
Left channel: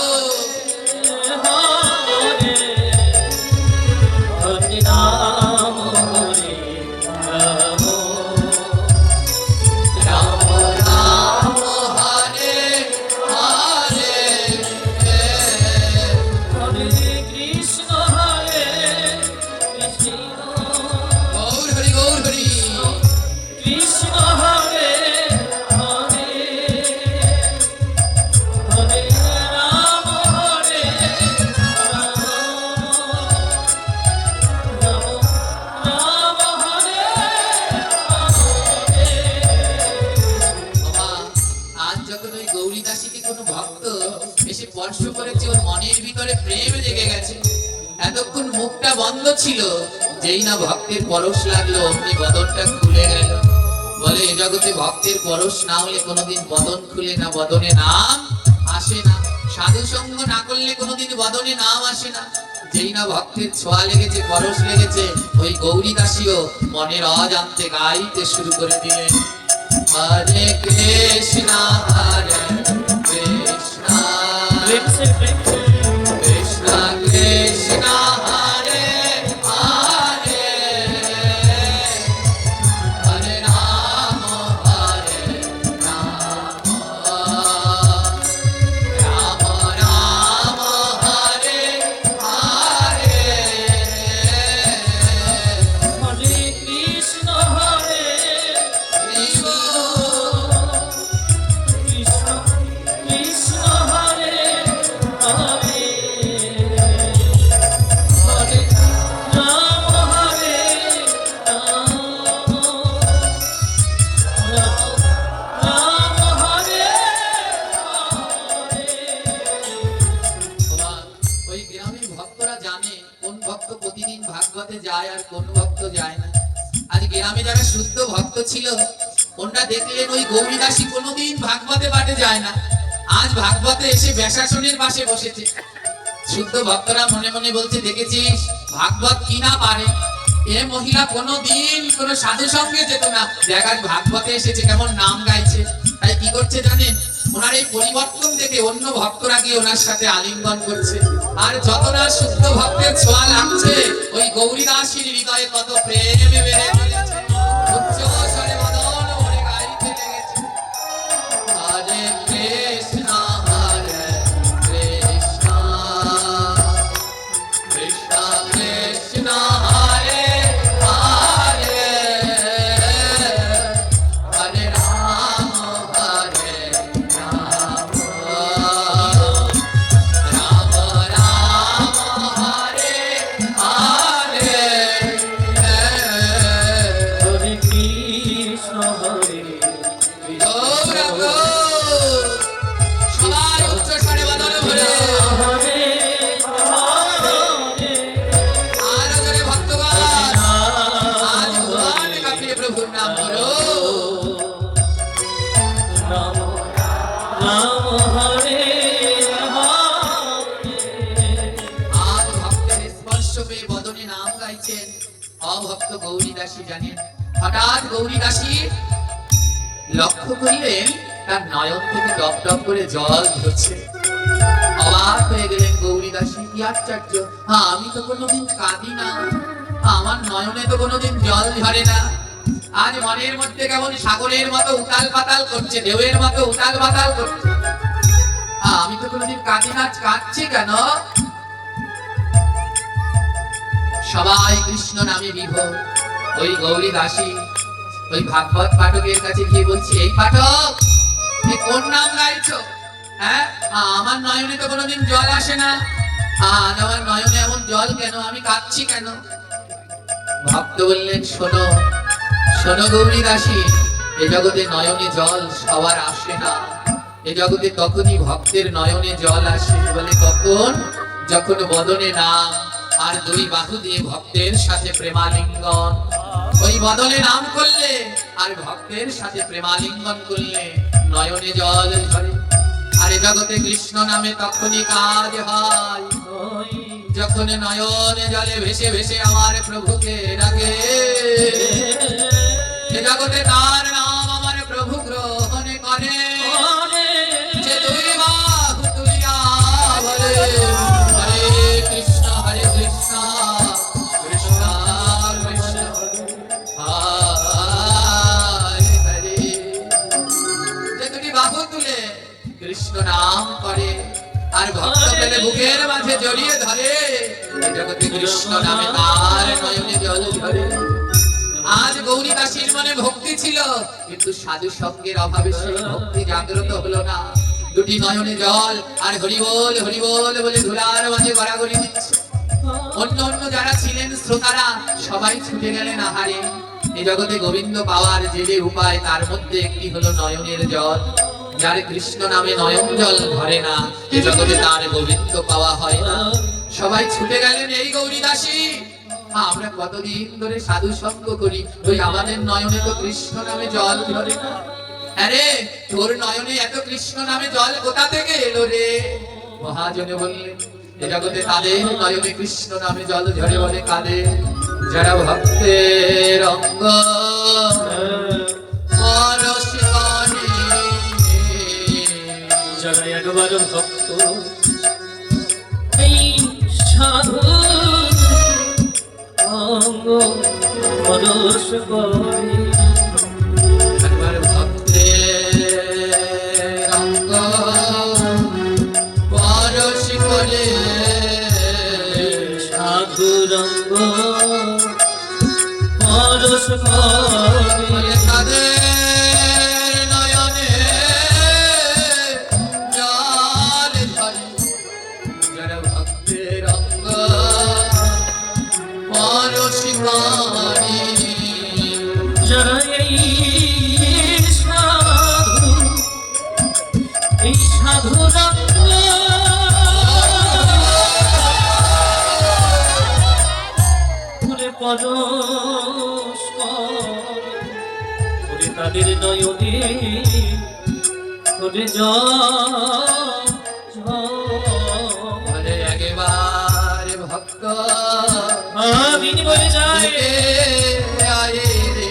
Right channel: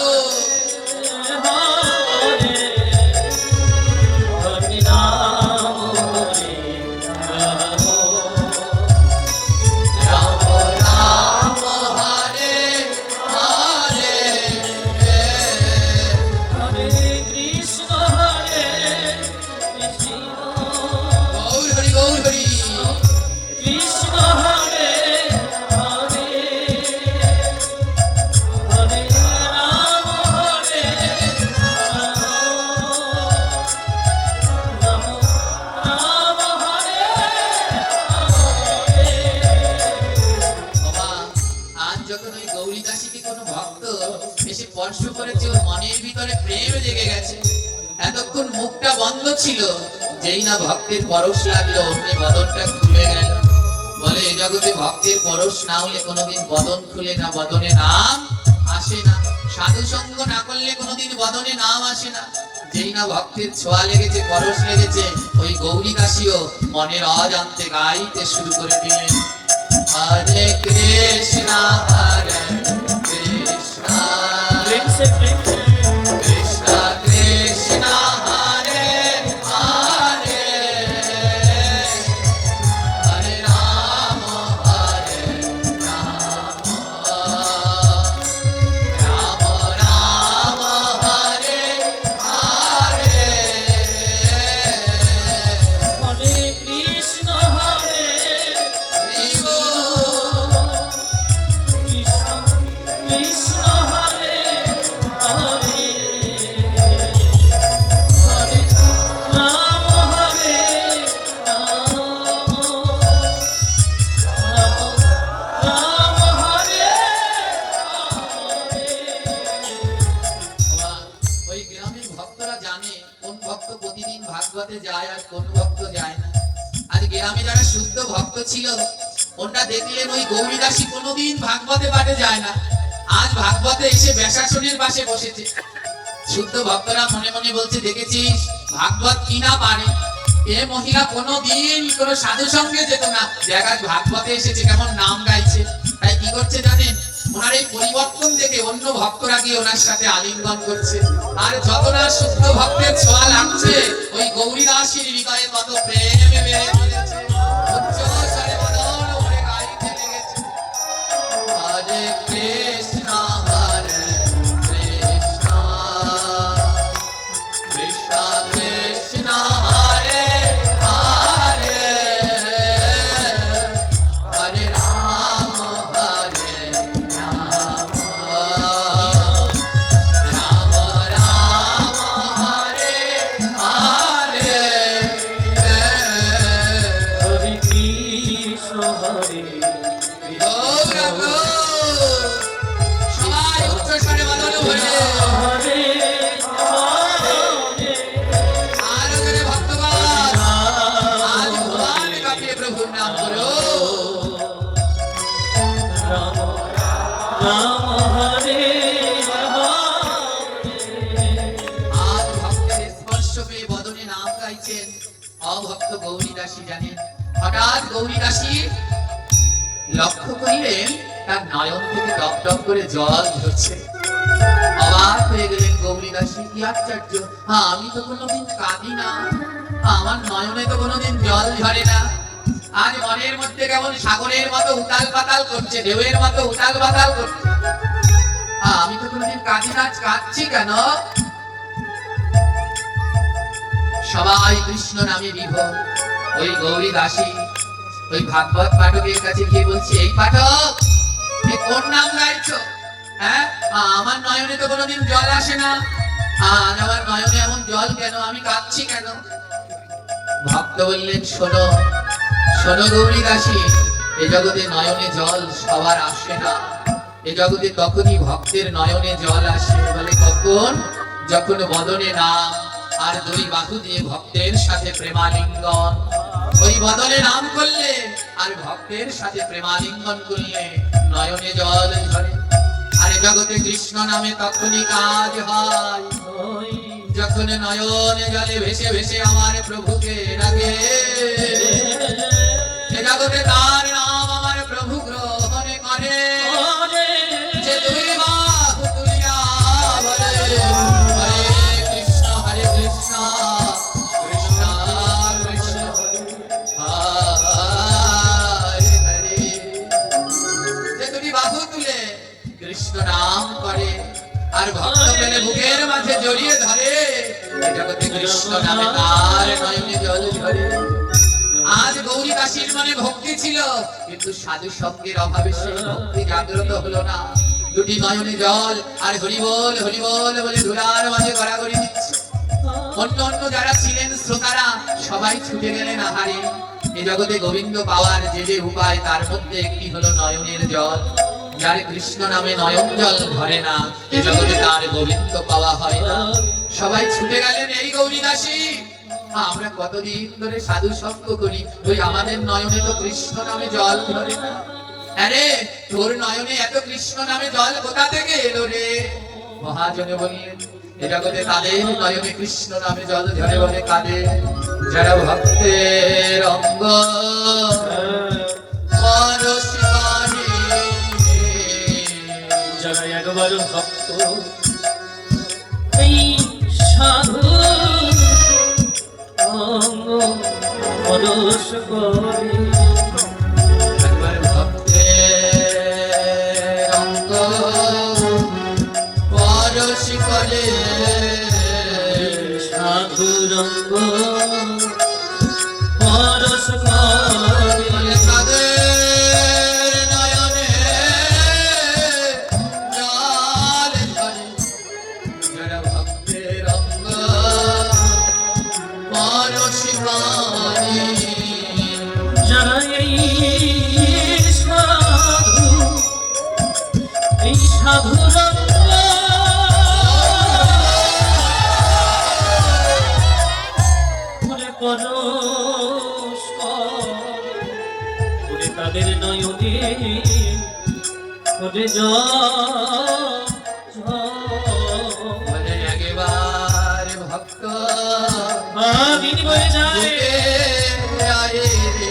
হরে হরে রাম হরে রাম রাম রাম হরে হরে হরে কৃষ্ণ হরে কৃষ্ণ গৌর হরি গৌর হরি। কৃষ্ণ হরে হরে হরে রাম হরে রাম রাম হরে হরে। বাবা, আজ যখন ওই গৌরী দাসীকে কোনো ভক্ত এসে স্পর্শ করেছে, ওর মনের ভিতরে প্রেম লেগে গেছে। এতক্ষণ মুখটা বন্ধ ছিল, যেই না ভক্তের পরশ লাগলো অমনি বদনটা খুলে গেল। বলে, এই জগতে ভক্তের পরশ না হলে কোনোদিন বদন খুলে না, বদনে নাম আসে না। সাধু সঙ্গ না করলে কোনোদিন বদনে নাম আসে না। যেই না ভক্তের ছোঁয়া লেগেছে, পরশ লেগেছে, ওই গৌরী দাসীও মনের অজান্তে গাইতে শুরু করে দিলেন, হরে কৃষ্ণ হরে কৃষ্ণ प्रेम से কৃষ্ণ কৃষ্ণ হরে হরে হরে রাম রাম রাম হরে হরে। हरे कृष्ण हरे জীব कृष्ण कृष्ण हरे हरे हरे राम हरे राम राम हरे हरे। ওই গ্রামের ভক্তরা জানে কোন ভক্ত প্রতিদিন ভাগবতে যায় আর কোন ভক্ত যায় না। আজ গ্রামে যারা শুদ্ধ ভক্ত ছিল, ওরা দেখলেন ওই গৌরী দাসী কোনোদিন ভাগবতে পাঠে যায় না, আজ ভাগবতে এসে ব্যাসাসনের পাশে বসেছে। শুদ্ধ ভক্তরা মনে মনে বলছে, দেখেছিস ভাগবত কি না পারে, এ মহিলা কোনোদিন কোনো সাধু সঙ্গে যেত না, দেখা ভাগবতে এসেছে কেমন নাম গাইছে। তাই কি করছে জানেন, ওনার এই পরিবর্তন দেখে অন্য ভক্তরা গিয়ে ওনার সাথে আলিঙ্গন করছে। আর যত না শুদ্ধ ভক্তের ছোঁয়া লাগছে ওই গৌরী দাসীর হৃদয়ে তত প্রেম বেড়ে চলেছে। উচ্চ স্বরে মদন ভরে গাইতে লেগেছে, হরে কৃষ্ণ কৃষ্ণ কৃষ্ণ কৃষ্ণ হরে হরে, হরে রাম রাম রাম হরে হরে। হরে কৃষ্ণ হরে গৌর গৌর, সবাই উচ্চ স্বরে বদন ভরে হরে হরে আরো জোরে ভক্তগণ, আজ ভুবন কাঁপিয়ে প্রভুর নাম করো। রাম রাম হরে হরে। আজ ভক্তের স্পর্শ পেয়ে বদনে নাম গাইছেন অভক্ত গৌরী দাসী জানেন। হঠাৎ গৌরী দাসী লক্ষ্য করিলেন তার নয়ন থেকে টপ টপ করে জল ঝরছে। অবাক হয়ে গেলেন গৌরী দাসী, কি আশ্চর্য, হ্যাঁ আমি তো কোনোদিন কাঁদি না, আমার নয়নে তো কোনোদিন জল ঝরে না, আজ মনের মধ্যে কেমন সাগরের মতো উতাল পাতাল করছে, ঢেউয়ের মতো উতাল পাতাল করছে, আমি তো কোনোদিন কাঁদি না, কাঁদছি কেন? সবাই কৃষ্ণ নামে বিভোর। ওই গৌরী দাসী ওই ভাগবত পাঠকের কাছে গিয়ে বলছে, এই পাঠক এই কোন নাম গাইছো? হ্যাঁ, আমার নয়নে তো কোনোদিন জল আসে না, আর আমার নয়নে এমন জল কেন, আমি কাঁদছি কেন? ভক্ত বললেন, শোনো শোনো গৌরী দাসী, এ জগতে নয়নে জল সবার আসে না, এ জগতে তখনই ভক্তের নয়নে জল আসে। বলে কখন? যখন বদনে নাম আর দুই বাহু দিয়ে ভক্তের সাথে প্রেমালিঙ্গন। ওই বদনে নাম করলে আর ভক্তের সাথে প্রেমালিঙ্গন করলে নয়নে জল ঝরে। আর এ জগতে কৃষ্ণ নামে তখনই কাজ হয় যখন নয়নে জলে ভেসে ভেসে আমার প্রভুকে ডাকে। এ জগতে তার নাম আমার প্রভু গ্রহণ করে, যে দুই বাহু তুলিয়া বলে, হরে কৃষ্ণ কৃষ্ণ কৃষ্ণ হরে হরে। যে দুটি বাহু তুলে কৃষ্ণ নাম করে আর ভক্ত পেলে বুকের মাঝে জড়িয়ে ধরে, এ জগতে কৃষ্ণ নামে তার নয়নে জল ঝরে। আজ গৌরী দাসীর মনে ভক্তি ছিল, কিন্তু সাধু সঙ্গের অভাবে সেই ভক্তি জাগ্রত হলো না। দুটি নয়নে জল আর হরিবোল হরিবোল বলে ধুলার মাঝে গড়াগড়ি দিচ্ছে। অন্য অন্য যারা ছিলেন শ্রোতারা সবাই ছুটে গেলেন আহারে। এ জগতে গোবিন্দ পাওয়ার যে যে উপায় তার মধ্যে একটি হলো নয়নের জল। যার কৃষ্ণ নামে নয়ন জল ধরে না, এ জগতে তার গোবিন্দ পাওয়া হয় না। সবাই ছুটে গেলেন এই গৌরী দাসী। আমরা কতদিন ধরে সাধু সঙ্গ করি, ওই আমাদের নয়নে তো কৃষ্ণ নামে জল ধরে না। আরে তোর নয়নে এত কৃষ্ণ নামে জল কোথা থেকে এলো রে? মহাজনে বললেন, এ জগতে তাদের নয়নে কৃষ্ণ নামে জল ধরে বলে কাদের? যারা ভক্তের অঙ্গ পরশ করে। যারা একবার ভক্ত এই সাধু অঙ্গ পরশ করে। একবার ভক্তের অঙ্গ পরশ করে, সাধু রঙ্গ পরশ করে। বলে কাদের নয়নে জল ধরে। যারা ভক্তের অঙ্গ পরশ করে। যারা এই সাধু রঙ্গ পরশ করে, তাদের নয়নে করে বলে একবার ভক্ত দিন বয়ে যায়। আয় রে।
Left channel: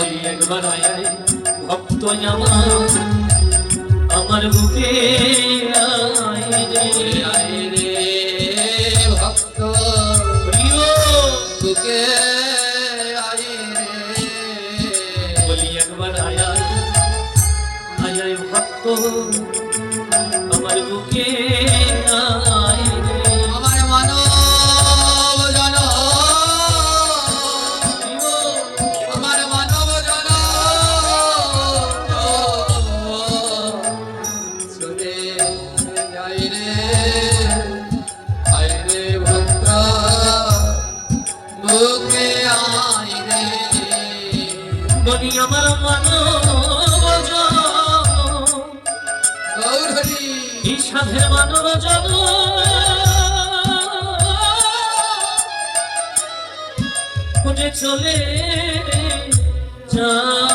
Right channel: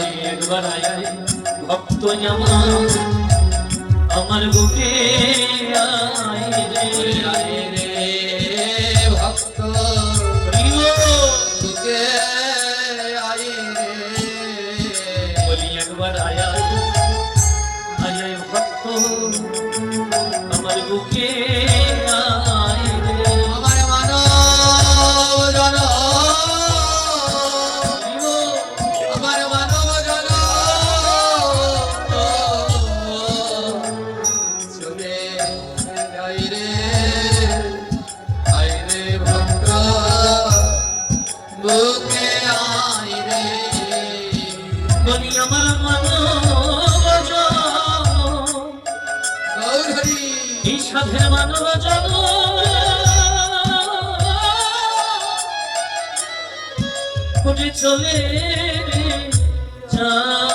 ওই একবার আয় ভক্ত আমার বুকে আয় রে। ওরে আয় রে ভক্ত হরিও বুকে আয় রে বলি একবার আয় আয় ভক্ত আমার বুকে আয় রে আমার মানব জন আমার মানব জন চলে যাই রে আয় রে ভক্ত বুকে আয় রে বলি আমার মানব গৌর হরি এই সাধের মানব জন উঠে চলে যায়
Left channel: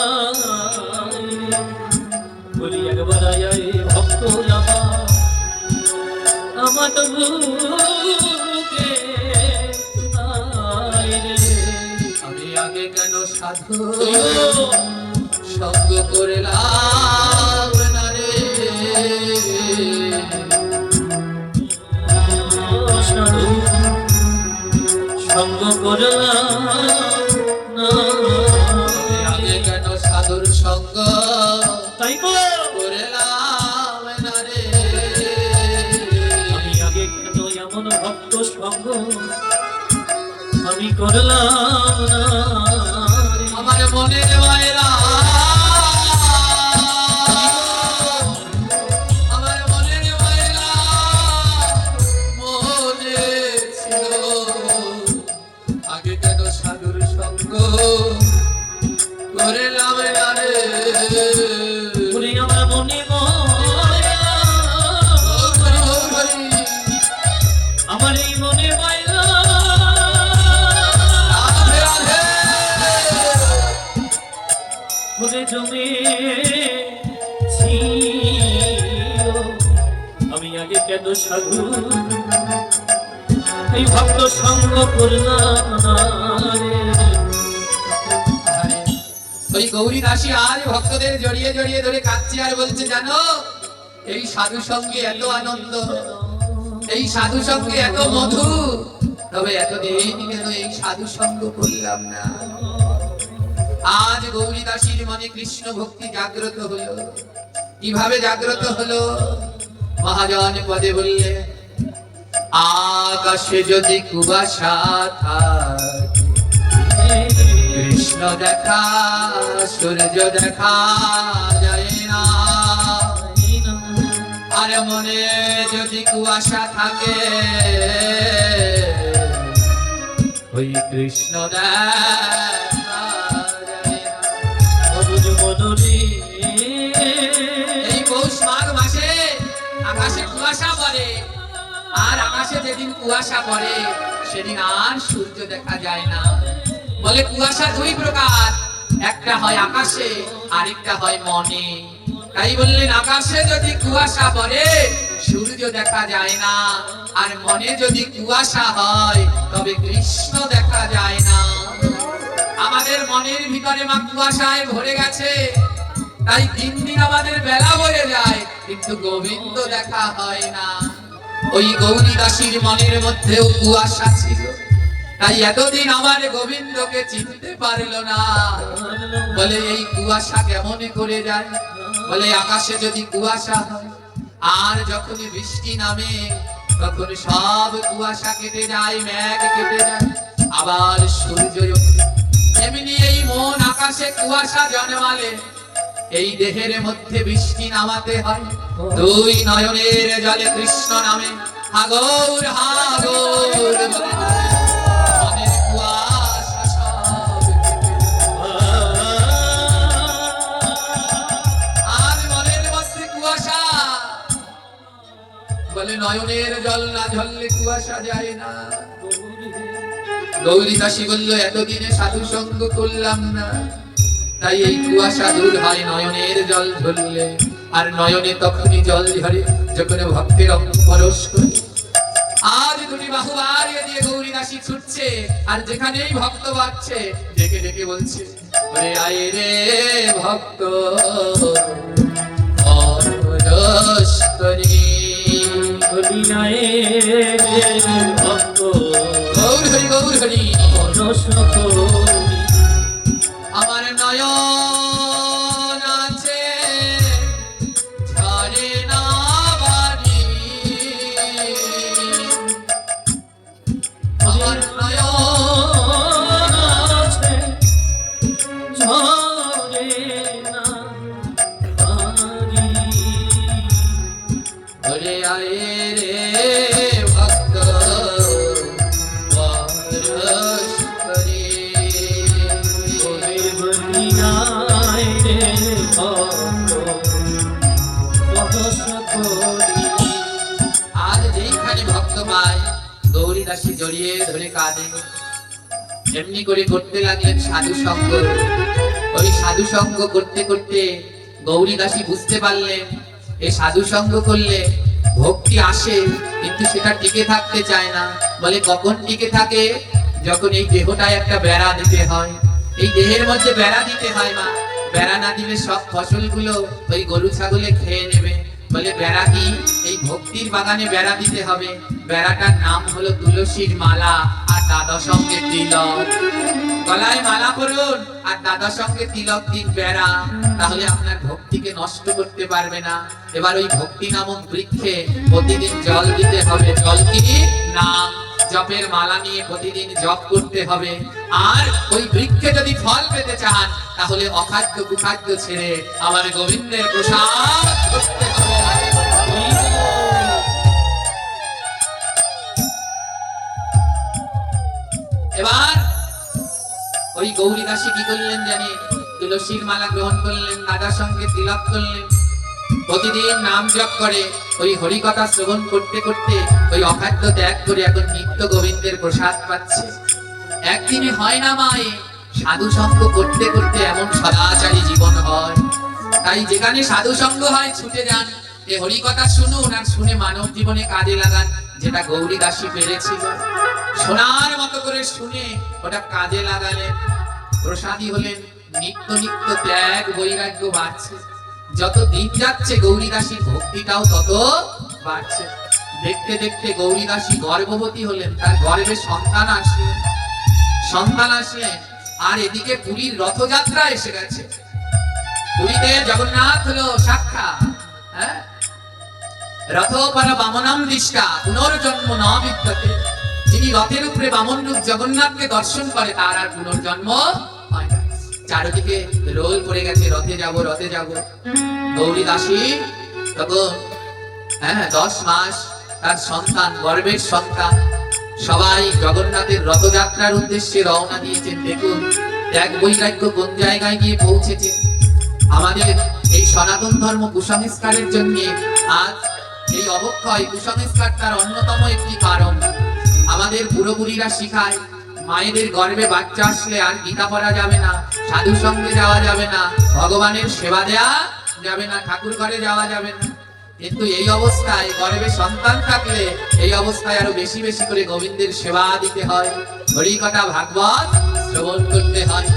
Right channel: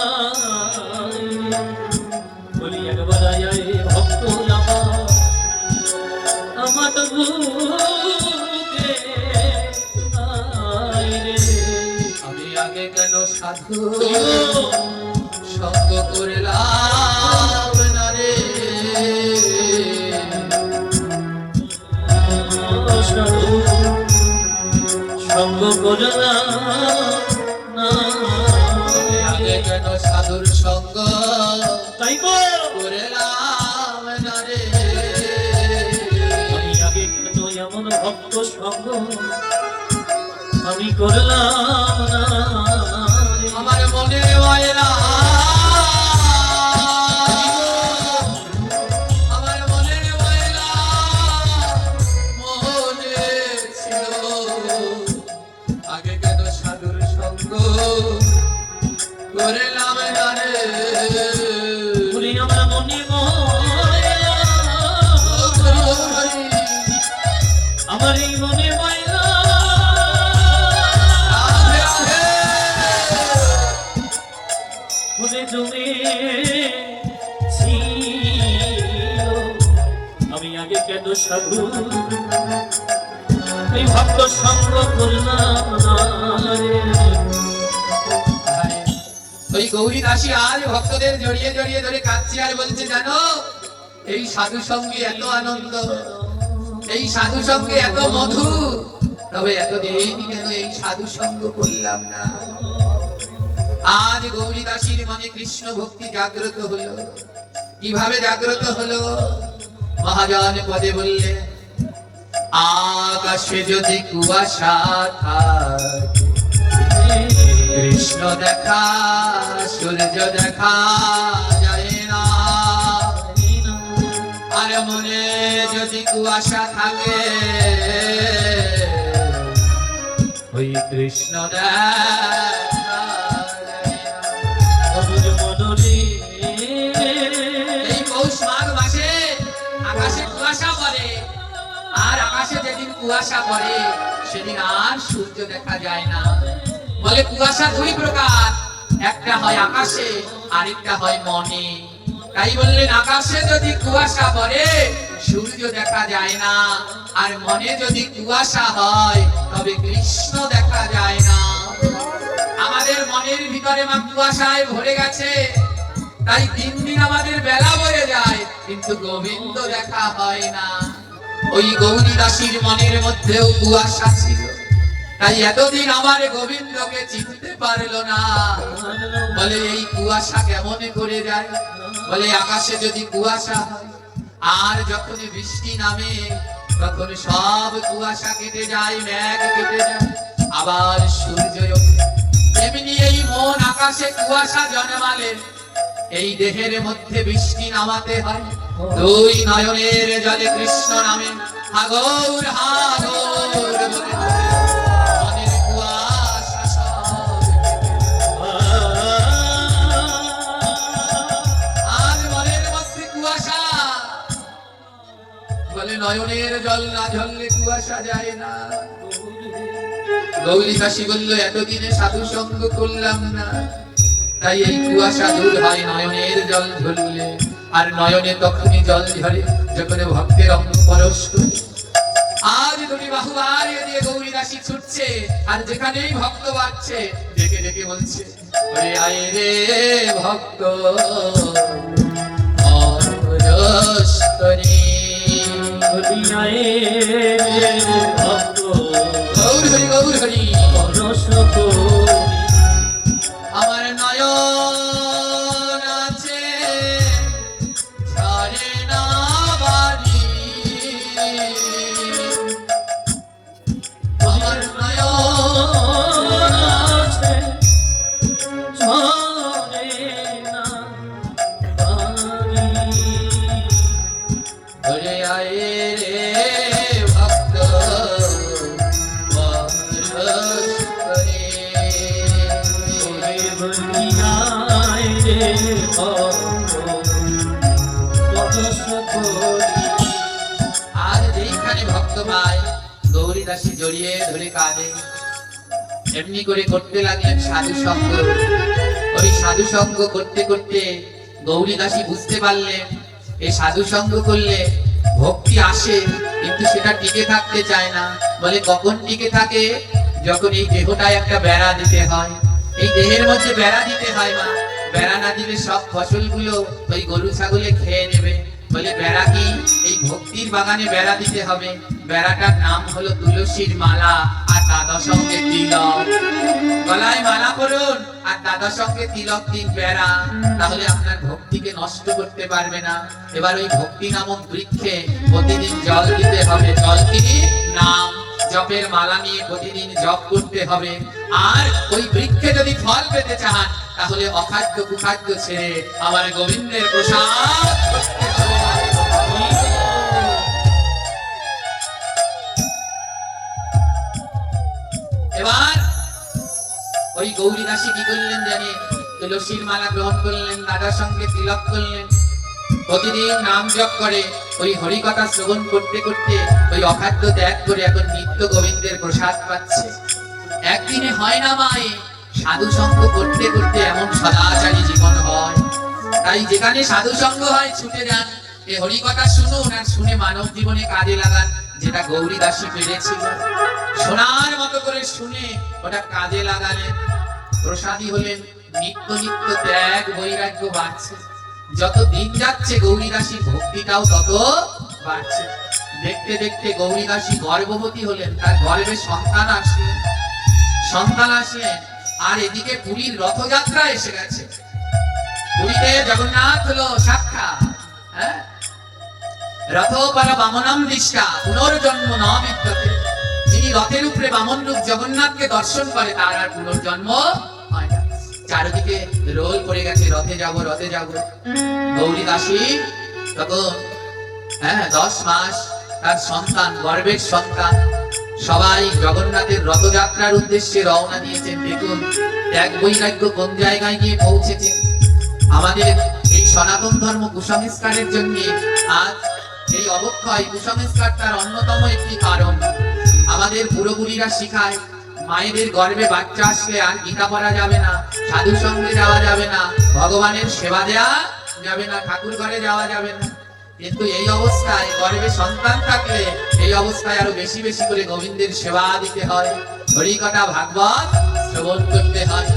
বলি একবার আয় ভক্ত আমার বুকে আয় রে আমি আগে কেন সাধু সঙ্গ করলাম না রে সাধু সঙ্গ করলাম না আমি আগে কেন সাধুর সঙ্গ তাই তো করলাম না রে আমি আগে কেন এমন ভক্ত সঙ্গ আমি করলাম না আমার মনের ময়লা আমার মনের ময়লা মনে ছিল আগে কেন সাধুর সঙ্গ করলাম না রে বলি আমার মনে ময়লা গৌর হরি আমার এই মনে ময়লা রাধে রাধে ঘুরে জমে ছিল আমি আগে কেন সাধু এই ভক্ত সঙ্গ করলাম না রে। আরে, ওই গৌরী দাসী আর ভক্তদের জড়িয়ে জড়িয়ে ধরে কাঁদছে আর বলছে জানো এই সাধু সঙ্গে এত আনন্দ এই সাধু সঙ্গে এত মধু তবে এতদিন কেন এই সাধু সঙ্গ করলাম না আজ গৌরী দাসীর মনে কৃষ্ণ ভক্তি জাগ্রত হলো কিভাবে জাগ্রত হলো মহাজন পদে বললেন আকাশে যদি কুয়াশা থাকে কৃষ্ণ দেখা সূর্য দেখা যায় না আর মনে যদি কুয়াশা থাকে ওই কৃষ্ণ দেখা যায় না। অবুঝ মনরে এই পৌষ মাঘ মাসে আকাশে কুয়াশা পড়ে আর আকাশে যেদিন কুয়াশা পড়ে সেদিন আর সূর্য দেখা যায় না বলে কুয়াশা দুই প্রকার একটা হয় আকাশে আরেকটা হয় মনে তাই বললেন আকাশে যদি কুয়াশা পড়ে সূর্য দেখা যায় না আর মনে যদি কুয়াশা হয় তবে কৃষ্ণ দেখা যায় না আমাদের মনের ভিতরে মা কুয়াশায় ভরে গেছে তাই দিন দিন আমাদের বেলা বয়ে যায় কিন্তু গোবিন্দ দেখা হয় না ওই গৌরী দাসীর মনের মধ্যেও কুয়াশা ছিল তাই এতদিন আমার গোবিন্দকে চিনতে পারলো না বলে এই কুয়াশা কেমন করে যায় বলে আকাশে যদি কুয়াশা হয় আর যখন বৃষ্টি নামে তখন সব কুয়াশা কেটে যায় মেঘ কেটে যায় আবার সূর্য ওঠে তেমনি এই মন আকাশে কুয়াশা জন্মালে এই দেহের মধ্যে বৃষ্টি নামাতে হয় দুই নয়নের জলে কৃষ্ণ নামে হাগর হাগর বলে মনের কুয়াশা সব আর মনের মধ্যে কুয়াশা বলে নয়নের জল না ঝরলে কুয়াশা যায় না গৌরী দাসী বলল এতদিনে সাধু সঙ্গ করলাম না তাই এই কুয়াশা দূর হয় নয়নের জল ঝরলে আর নয়নে তখনই জল ঝরে যখন ভক্তের অঙ্গ পরশ করে আজ তুমি বাহু বাড়িয়ে দিয়ে গৌরী দাসী ছুটছে আর যেখানেই ভক্ত বাড়ছে ডেকে ডেকে বলছে ওরে আয় রে ভক্ত অরস করি হরিনায়ের ভক্ত গৌর হরি গৌর হরি। পরশ করি আমার নয়ন আছে ঝরে না বাড়ি, আমার নয়ন আছে ঝরে না বাড়ি। ধরে আয় রে ভক্ত পরশ করে। গৌরের হরিনায়ের ভক্ত পরশ করি। আর যেইখানে ভক্ত পায় গৌরী দাসী জড়িয়ে ধরে কাঁদে। এমনি করে করতে লাগলেন সাধু সঙ্গ। ওই সাধু সঙ্গ করতে করতে গৌরী দাসী বুঝতে পারলেন এই সাধু সঙ্গ করলে ভক্তি আসে, কিন্তু সেটা টিকে থাকতে চায় না। বলে কখন টিকে থাকে? যখন এই দেহটায় একটা বেড়া দিতে হয়, এই দেহের মধ্যে বেড়া দিতে হয়। মা, বেড়া না দিলে সব ফসলগুলো ওই গরু ছাগলে খেয়ে নেবে। বলে বেড়া কি? এই ভক্তির বাগানে বেড়া দিতে হবে। বেড়াটার নাম হলো তুলসীর মালা আর দাদা সঙ্গে তিলক। গলায় মালা পরুন আর দাদা সঙ্গে তিলক দিন বেড়া, তাহলে আপনার ভক্তিকে নষ্ট করতে পারবে না। এবার ওই ভক্তি নামক বৃক্ষে প্রতিদিন জল দিতে হবে। জল কি? নাম। জপের মালা নিয়ে প্রতিদিন জপ করতে হবে। আর ওই বৃক্ষে যদি ফল পেতে চান তাহলে অখাদ্য কুখাদ্য ছেড়ে আমার গোবিন্দের প্রসাদ করতে হবে। এবার ওই গৌরী দাসী কি করলেন জানে? তুলসীর মালা গ্রহণ করলেন, দাদার সঙ্গে তিলক করলেন, প্রতিদিন নাম জপ করে ওই হরি কথা শ্রবণ করতে করতে ওই অখাদ্য ত্যাগ করে এখন নিত্য গোবিন্দের প্রসাদ পাচ্ছে। একদিনে হয় না মায়ে, সাধু সঙ্গ করতে করতে এমন সদাচারী জীবন হয়। তাই যেখানে সাধু সঙ্গ হয় ছুটে যান, এই হরি কথা শুনুন আর শুনে মানব জীবনে কাজে লাগান। যেটা গৌরী দাসী পেরেছিল, সোনার মতো করে শুনে ওটা কাজে লাগালেন। প্রসাদী হলেন। নিত্য নিত্য ত্যাগ বৈরাগ্য বাড়ছে। যত দিন যাচ্ছে গৌরী দাসীর ভক্তিটাও তত বাড়ছে। দেখতে দেখতে গৌরী দাসী গর্ভবতী হলেন। তার গর্ভে সন্তান আসলেন। আর এদিকে পুরীর রথযাত্রা এসে গেছে। পুরীতে জগন্নাথ হলো সাক্ষাৎ। হ্যাঁ, রথ পরা বামনাম দৃষ্টা পুনর্জন্ম ন বিদ্যতে। যিনি রথের উপরে বামন রূপ জগন্নাথকে দর্শন করে তার আর পুনর্জন্ম হয় না। চারিদিকে রোল পড়ে গেছে, রথে যাব রথে যাব। গৌরী দাসী তখন 10 মাস, তার সন্তান, গর্ভের সন্তান। সবাই জগন্নাথের রথযাত্রার উদ্দেশ্যে রওনা দিয়েছেন। দেখুন ত্যাগ বৈরাগ্য কোন জায়গায় গিয়ে পৌঁছেছে। আমাদের এই সনাতন ধর্ম কুসংস্কারের জন্য আজ এই অবক্ষয়। কুসংস্কার তার অন্যতম একটি কারণ। আমাদের পুরোপুরিরা শিখায় মায়েদের গর্ভে বাচ্চা আসলে আর গীতা পড়া যাবে না, সাধু সঙ্গে যাওয়া যাবে না, ভগবানের সেবা দেয়া যাবে না, ঠাকুর ঘরে যাওয়া যাবে না। কিন্তু এই অবস্থায় গর্ভে সন্তান থাকলে এই অবস্থায় আরো বেশি বেশি করে গোবিন্দের সেবা দিতে হয়, হরি কথা ভাগবত শ্রবণ করতে হয়।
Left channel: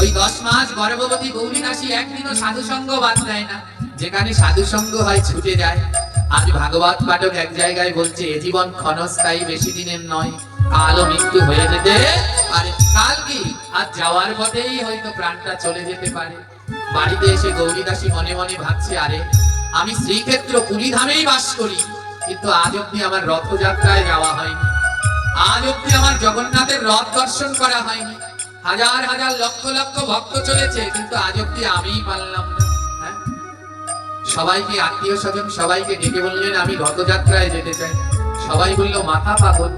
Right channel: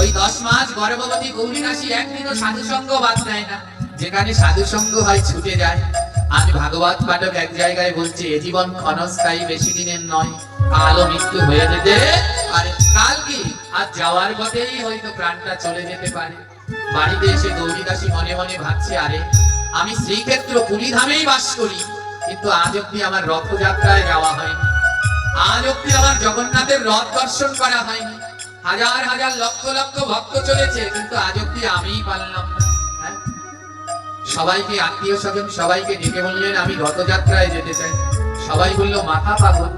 ওই 10 মাস গর্ভবতী গৌরী দাসী একদিনও সাধু সঙ্গ বাদ দেয় না। যেখানে সাধু সঙ্গ হয় ছুটে যায়। আজ ভাগবত পাঠক এক জায়গায় বলছে এ জীবন ক্ষণস্থায়ী, বেশি দিনের নয়, কালও মৃত্যু হয়ে যেতে পারে। কাল কি? আজ যাওয়ার পথেই হয়তো প্রাণটা চলে যেতে পারে। বাড়িতে এসে গৌরী দাসী মনে মনে ভাবছে, আরে আমি শ্রীক্ষেত্র পুরী ধামেই বাস করি, কিন্তু আজ অব্দি আমার রথযাত্রায় যাওয়া হয়নি, আজ অব্দি আমার জগন্নাথের রথ দর্শন করা হয়নি। হাজার হাজার লক্ষ লক্ষ ভক্ত চলেছে, কিন্তু আজ অব্দি আমিই পারলাম না। হ্যাঁ, সবাইকে আত্মীয় স্বজন সবাইকে ডেকে বললেন আমি রথযাত্রায় যেতে চাই। সবাই বললো মাথা পাগল,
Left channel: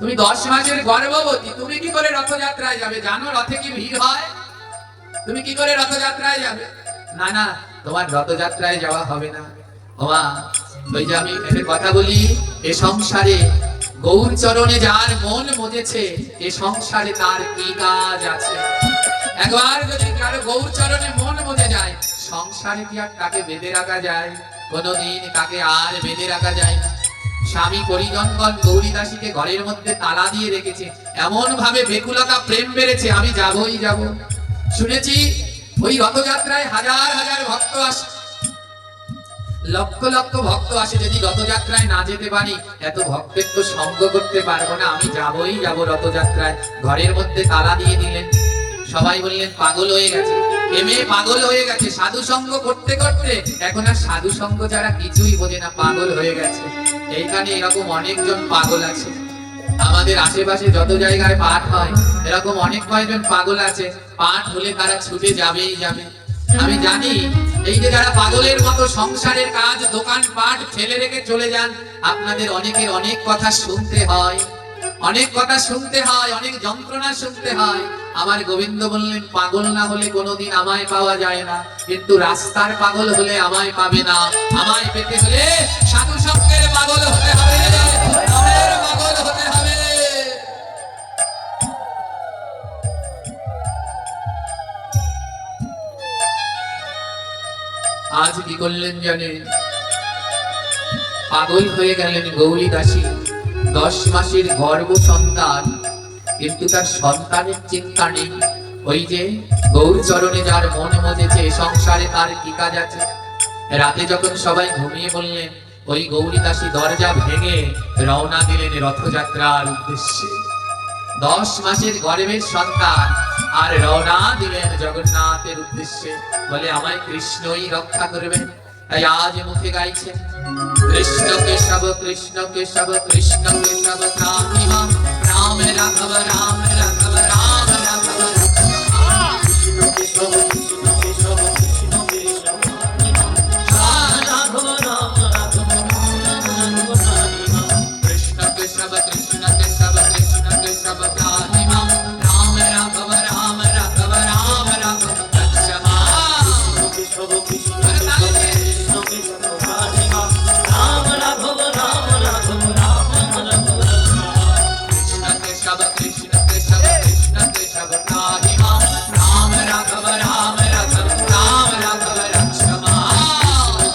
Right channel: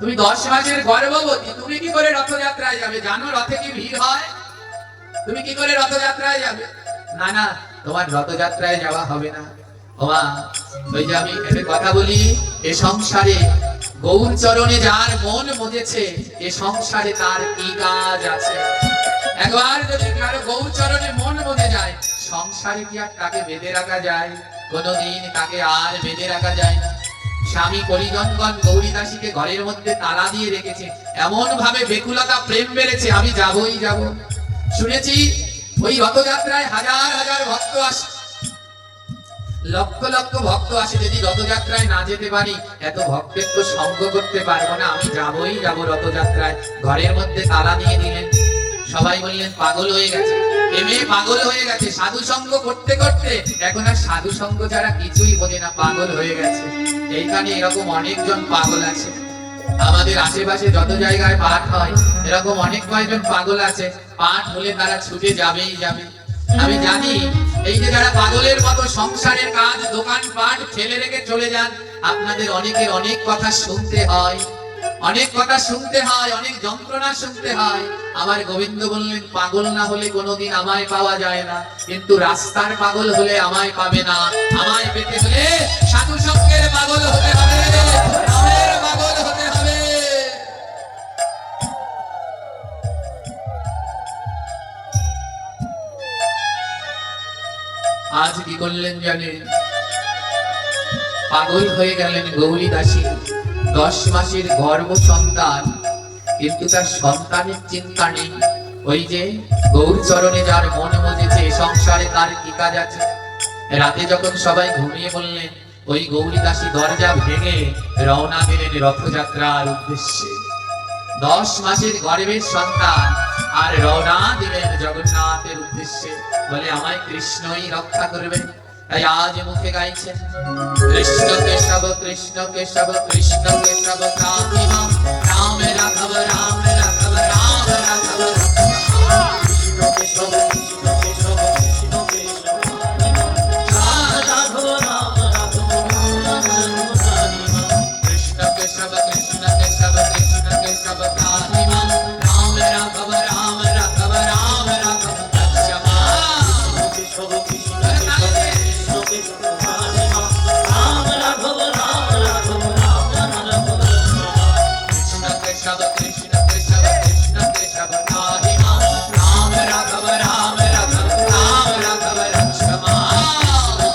তুমি 10 মাসের গর্ভবতী, তুমি কি করে রথযাত্রায় যাবে? জানো রথে কি ভিড় হয়? তুমি কি করে রথযাত্রায় যাবে? না না, তোমার রথযাত্রায় যাওয়া হবে না। ওমা, ওই যে আমি একটা কথা বলি, এ সংসারে গৌর চরণে যার মন মজেছে, এ সংসারে তার কি কাজ আছে? একবার যদি কারো গৌর চরণে মন মজে যায়, সংসারে কি আর তাকে বেঁধে রাখা যায়? কোনোদিন তাকে আর বেঁধে রাখা যায় না। স্বামী পরিজনগণ গৌরী দাসীকে ঘরের মধ্যে তালা দিয়ে রেখেছে, এমন ভাবে বেকুলতা প্রেম বেড়েছে, আমি যাবই যাব। শুনেছি ওই রথযাত্রায় হাজার হাজার ভক্ত আসে। লক্ষ লক্ষ ভক্ত আসে, যদি রথযাত্রায় না যেতে পারি এত ভক্তের তো সঙ্গ করতে পারবো না, আমি যাবই যাব রথযাত্রায়। ঘরের মধ্যে তালা দিয়ে দিলেন, সবাই বললেন পাগল হয়ে গেছে, এ মেয়ে পাগল হয়ে গেছে, সাধু সঙ্গ করতে করতে এখন আর সাধু সঙ্গ ছাড়া কিছুই বোঝে না, পাগল হয়ে গেছে। এইখানে এরকম অনেকজন পাগল আছে, আমাদের আশেপাশে যত জায়গায় পাঠ হয় এরকম অনেক কয়জন পাগল আছে, পাঠ হলে তারা ছুটে যাবেই যাবে। আমি জানি এই যে যারা পাগলের মতো সংসারের কাজ দোকান পাট ফেলে রেখে চলে যান, আপনাদের অনেকের অনেক কথা শুনতে হয়, অনেক কথা শুনতে হয়, অনেক যন্ত্রণা শুনতে হয়। আমার গোবিন্দ বললেন পাগল না হলে কোনোদিন আমায় পাওয়া যায় না, কিন্তু রাস্তার পাগল হলে আমায় পাবে না। আমায় পেতে হলে সাধু সঙ্গের পাগল হতে হবে, নামের পাগল হতে হবে। আজ কি করলেন জানেন? পাগল হয়ে গেলেন গৌরী দাসী, 10 মাসের গর্ভ সন্তান, কিন্তু তার সন্তানের চিন্তা নেই। ওই যে গৌর চরণে যার মন মজেছে, সংসারে তার কি কাজ আছে। রাতে যখন সবাই ঘুমিয়ে বললেন, ওই গৌরী দাসী দরজা ভেঙে রওনা দিলেন রথযাত্রার উদ্দেশ্যে। 10 মাসের গর্ভের সন্তান আর রওনা দিলেন জগন্নাথের উদ্দেশ্যে, বলে আমায় কৃষ্ণই রক্ষা করবেন। তাই আজ মুখে গাইছেন কৃষ্ণ কেশব কৃষ্ণ কেশব কৃষ্ণ কেশব রাম রাম রাঘব রাম রাঘব রাম রাঘব কৃষ্ণ কেশব কৃষ্ণ কেশব কৃষ্ণ কেশব রাঘব রাম রাঘব রাম কৃষ্ণ কেশব কৃষ্ণ কেশব কৃষ্ণ কেশব রাম রাম রাঘব রাম রাঘব রাম রাঘব রক্ষমা। কেশব কৃষ্ণ তাহলে কৃষ্ণ কেশব রাম রাঘব রাম রাঘব রাম রাঘব কৃষ্ণ কেশব কৃষ্ণ কেশব কৃষ্ণ কেশব রাম রাম রাঘব রাম রাঘব রাম রাঘব রক্ষমা।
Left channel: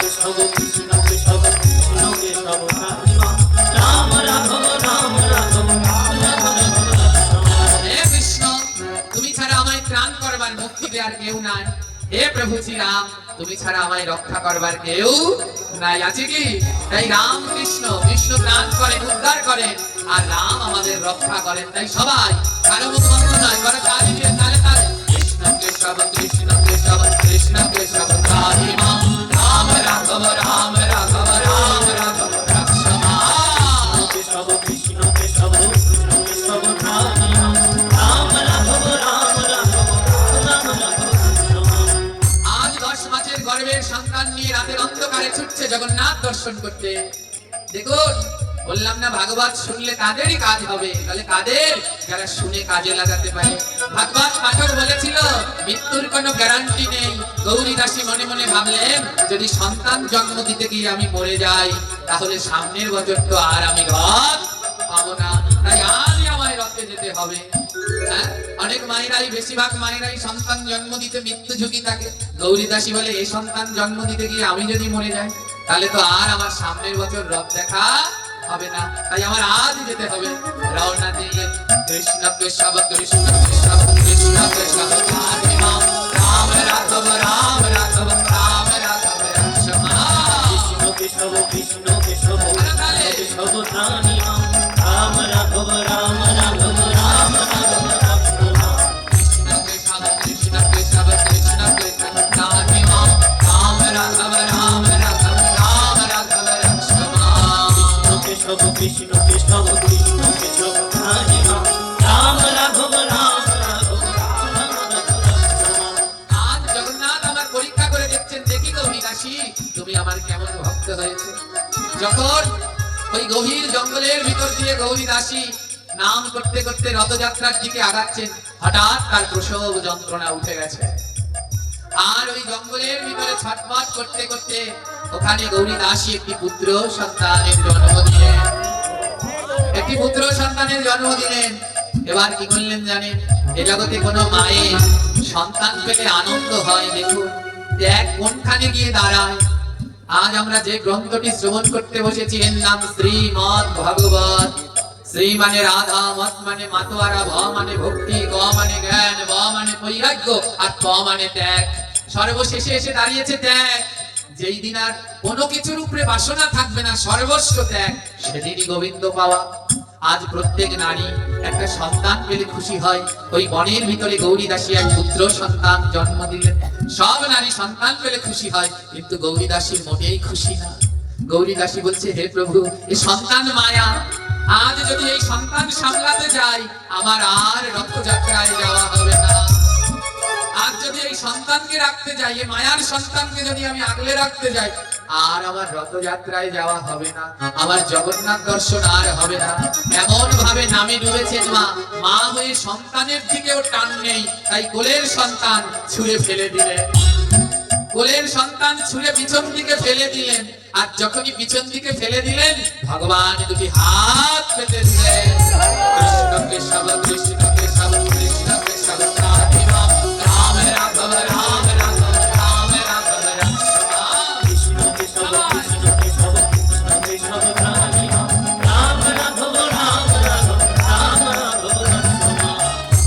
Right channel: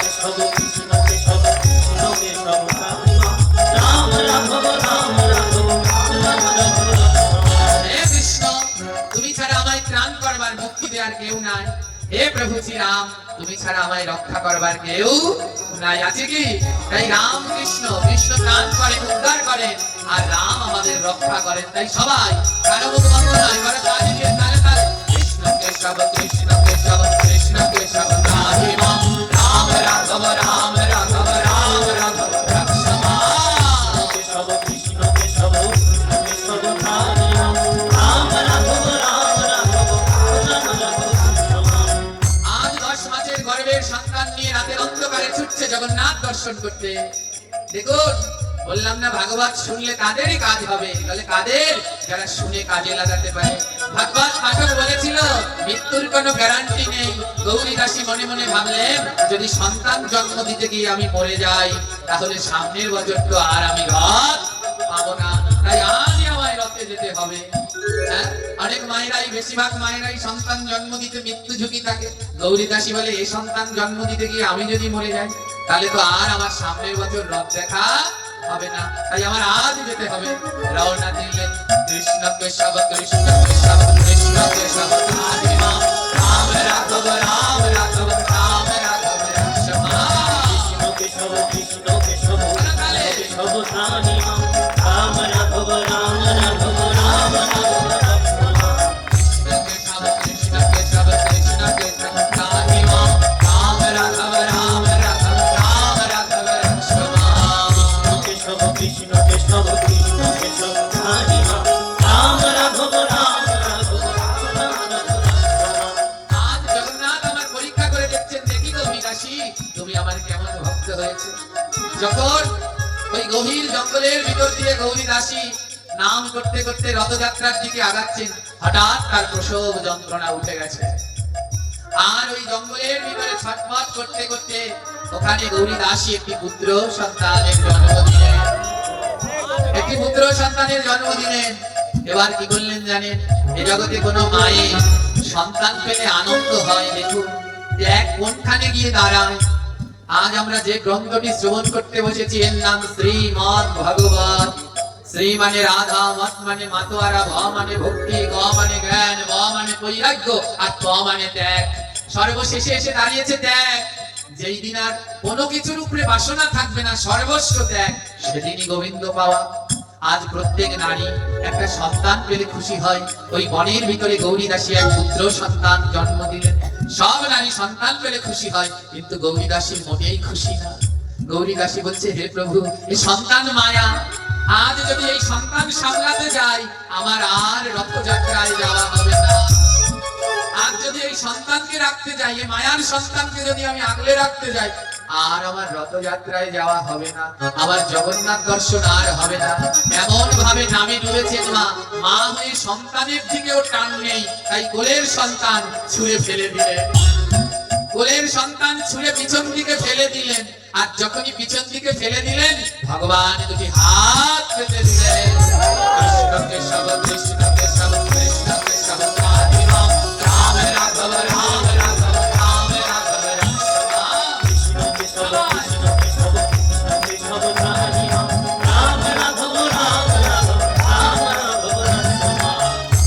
কেশব কৃষ্ণ কেশব কৃষ্ণ কেশব রাম রাঘব রাম রাঘব রাম রাঘব হে কৃষ্ণ, তুমি ছাড়া আমায় ত্রাণ করবার মুক্তি দেওয়ার কেউ নাই। হে প্রভু শ্রীরাম, তুমি ছাড়া আমায় রক্ষা করবার কেউ নাই, আছে কি? তাই রাম কৃষ্ণ, কৃষ্ণ ত্রাণ করেন, উদ্ধার করেন, আর রাম আমাদের রক্ষা করেন। তাই সবাই কারো মুখ বন্ধ নয়, কারো তালি দিয়ে তালে তালে কৃষ্ণ কেশব কৃষ্ণ কেশব কৃষ্ণ কেশব রাম রাম রাঘব রাম রাঘব রাম রাঘব রক্ষমা। কেশব কৃষ্ণ কেশব কৃষ্ণ কেশব রাম রাঘব রাম রাঘব রাম রাঘব আজ 10 মাসের গর্ভের সন্তান নিয়ে রাতের অন্ধকারে ছুটছে জগন্নাথ দর্শন করতে। দেখুন, বললাম না ভাগবত শুনলে তাদেরই কাজ হবে, তাহলে কাদের? যারা শুনে কাজে লাগাতে পারে। ভাগবত পাঠক বলেছিল মৃত্যুর কোনো গ্যারান্টি নেই। গৌরী দাসী মনে মনে ভাবলেন যদি সন্তান জন্ম দিতে গিয়ে আমি মরে যাই, তাহলে সামনের বছর তো আর আমি রথ পাবো না, তাই আজই আমায় রথে যেতে হবে। হ্যাঁ, অনেক মায়েরাই, বেশিরভাগ মায়েরাই সন্তান জন্ম দিতে মৃত্যু ঝুঁকি থাকে। গৌরী দাসী বলে এই সন্তান জন্ম দিতে গিয়ে আমি যদি মরে যাই, তাহলে তো আর আমার সামনের বছর রথ দেখা হবে না, তাই আমার আজ যেতে হবে। রওনা দিলেন কৃষ্ণ কেশব কৃষ্ণ কেশব কৃষ্ণ কেশব রাম রাম রাঘব রাম রাঘব রাম রাঘব রক্ষমা। কেশব কৃষ্ণ কেশব কেশব রাম রাঘব রাম রাঘব রাম রাঘব রক্ষমা। কৃষ্ণ কেশব কৃষ্ণ কেশব কৃষ্ণ কেশব রাম রাঘব রাম রাঘব রাম রাঘব রক্ষমা। কেশব কৃষ্ণ কেশব কৃষ্ণ কেশব রাম রাঘব রাম রাঘব রাম রাঘব রক্ষমা। আজ জগন্নাথ আমার পরীক্ষা করে দেখছেন, দেখি গৌরী দাসী তুমি আমার কেমন ভক্ত হয়েছে। যখন ওই গভীর জঙ্গলের ভিতর দিয়ে গৌরী দাসী নাম করতে করতে রথযাত্রার দিকে আগাচ্ছেন, হঠাৎ তার প্রসব যন্ত্রণা উঠে গেছে। আর ওই জঙ্গলের ভিতরে ছটফট করতে করতে ওখানে গৌরী দাসী একটি পুত্র সন্তানের জন্ম দিলেন, একটি পুত্র সন্তানের জন্ম দিলেন। এবার কি করলেন জানেন? এ জগতে কোনো মায়ের সন্তান পেলে আনন্দ হয়, দেখুন এক কোনখানে গিয়ে দাঁড়ায়। আজ আমরা যে গ্রন্থটি শ্রবণ করতে বসেছি এর নাম শ্রীমদ্ ভাগবত। শ্রী মানে রাধা, মত মানে মাতোয়ারা, ভ মানে ভক্তি, গ মানে জ্ঞান, ব মানে বৈরাগ্য, আর ত মানে ত্যাগ। সর্বশেষে এসে দাঁড়িয়েছে ত্যাগ। যেই দিন আর কোনো কিছুর উপরে বাসনা থাকবে না, সর্বস্ব ত্যাগ, সেদিনই গোবিন্দ পাওয়া। আজ প্রত্যেক নারী একটা সন্তান পেলে খুশি হয়। ওই বনের ভিতরে গৌরী দাসী এক পুত্র সন্তান জন্ম দিলেন। সব নারী সন্তান পেলে খুশি হয়, কিন্তু গৌরী দাসীর মোটেই খুশি না। গৌরী দাসী বলছে, হে প্রভু, এই সন্তান মায়া, আজ যদি এই সন্তান সামলাতে যাই, আমার আর রথযাত্রায় যাওয়া হবে না। আজ যদি এই সন্তানকে রাখতে যাই, এই মায়ার সন্তানকে যদি আমি আগলে রাখতে যাই, আর আমার রথযাত্রায় যাওয়া হবে না, আমার জগন্নাথ দর্শন আর হবে না। এমন ভাবে নামে ডুবেছে মা, মা হয়ে সন্তানের দিকেও টান নেই, তাই কোলের সন্তান ছুঁড়ে ফেলে দিলেন। কোলের সন্তান ছুঁড়ে পিছন দিকে ফেলে দিলেন। আর যখনই পিছন দিকে ফেলে দিলেন, ভগবান দুটি হাত পেতে দিলেন। কৃষ্ণকে সব, কৃষ্ণকে সব, কৃষ্ণকে সব, রাধে রাম, রাম রাঘব, রাম রাঘব, রাম রাঘব, রাম কৃষ্ণকে সব, কৃষ্ণকে সব, কৃষ্ণকে সব রাধে রাম, রাম রাঘব, রাম রাঘব, রাম রাঘব রসমা।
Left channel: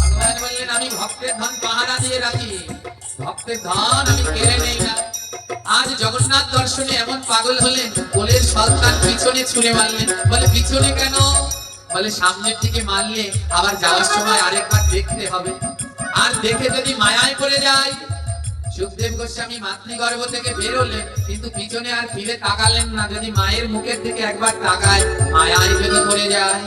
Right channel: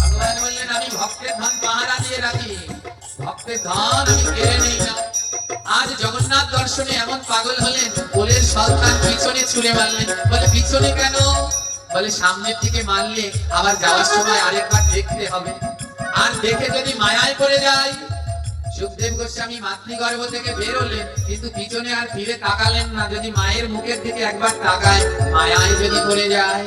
ভগবান বললেন, আমি ভক্তের ধন পাহারা দিয়ে রাখি, ভক্তের ধন আমি কেড়ে নেই না। আজ জগন্নাথ দর্শনে এমন পাগল হলেন, কোলের সন্তান পিছনে ছুঁড়ে মারলেন। বলে, পিছনে কেন? বলে, সামনের দিকে মারলে আবার যাওয়ার সময় আরেকবার দেখতে হবে, আর দেখে যদি মায়ায় পড়ে যায়। সুখদেব গোস্বামী মাতৃগর্ভ থেকে বেরোলেন, কিন্তু পিছনে আর ফিরে তাকালেন না। যদি মায়ের মুখের দিকে একবার তাকায়, মায়ায় যদি পড়ে যায়,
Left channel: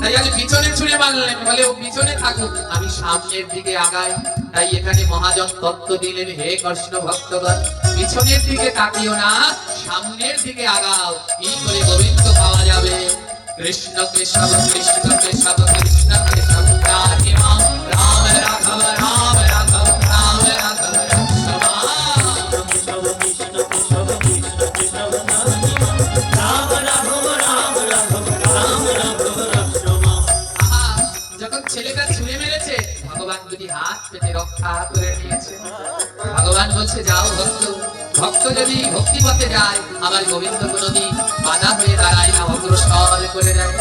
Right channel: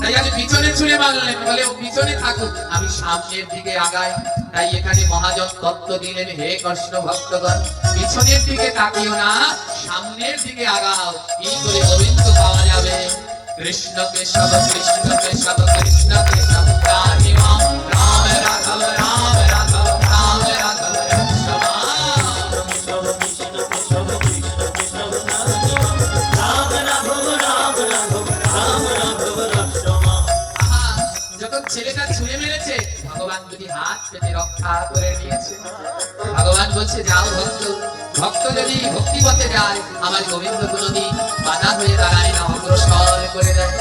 তাই আজ পিছনে ছুঁড়ে মারলেন। বলে, ও পিছনে থাকুক, আমি সামনের দিকে আগাই। তাই এখানে মহাজন তত্ত্ব দিলেন, হে কৃষ্ণ ভক্তগণ, পিছনের দিকে তাকিও না, সামনের দিকে আগাও, এই করে গোবিন্দ পাওয়া যাবে। কৃষ্ণকে সব, কৃষ্ণকে সব, কৃষ্ণকে সব, রাধে রাম, রাম রাঘব, রাম রাঘব, রাম রাঘব রসমা। কৃষ্ণকে সব, কৃষ্ণকে সব, কৃষ্ণকে সব রাধে রাম, রাম রাঘব, রাম রাঘব, রাম রাঘব রসমা। আহা, যখন ছেলেটা ছুঁড়ে মেরেছে, ভগবান দুটি হাত পেতে রক্ষা করে নিয়েছে। ভগবান বলছে, যাও ভক্ত, ভক্ত যদি ভক্তি পথে যায়, আমার গোবিন্দ কোনদিন বাধা হয়ে দাঁড়ায় না, অগ্রসর করে দেয়।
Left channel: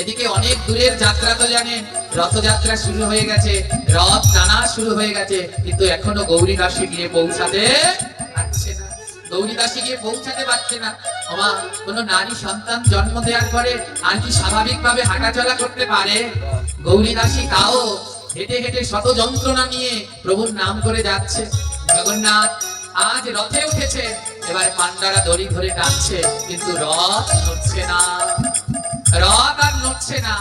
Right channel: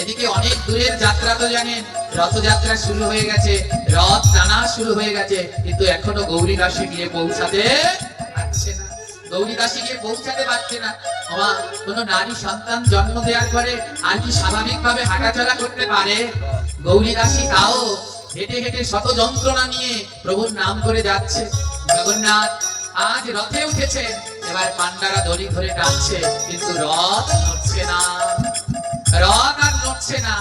এদিকে অনেক দূরের যাত্রা তো জানেন, রথযাত্রা শুরু হয়ে গেছে, রথ টানা শুরু হয়ে গেছে, কিন্তু এখনো গৌরী দাসী গিয়ে পৌঁছাতে পারছে না। গৌরী দাসী গিয়ে পৌঁছাতে পারছে না। বাবা, কোন নারী সন্তান জন্ম দেওয়ার পরে আর কি স্বাভাবিকভাবে হাঁটাচলা করতে পারে? গৌরী দাসী তাও হেঁটে হেঁটে শত যন্ত্রণা নিয়ে প্রভুর নাম করে যাচ্ছে। জগন্নাথ আজ রথে উঠেছে, এবার পান্ডারা দড়ি ধরে টানছে, কিন্তু রথ নড়ছে না, রথ আর নড়ছে না।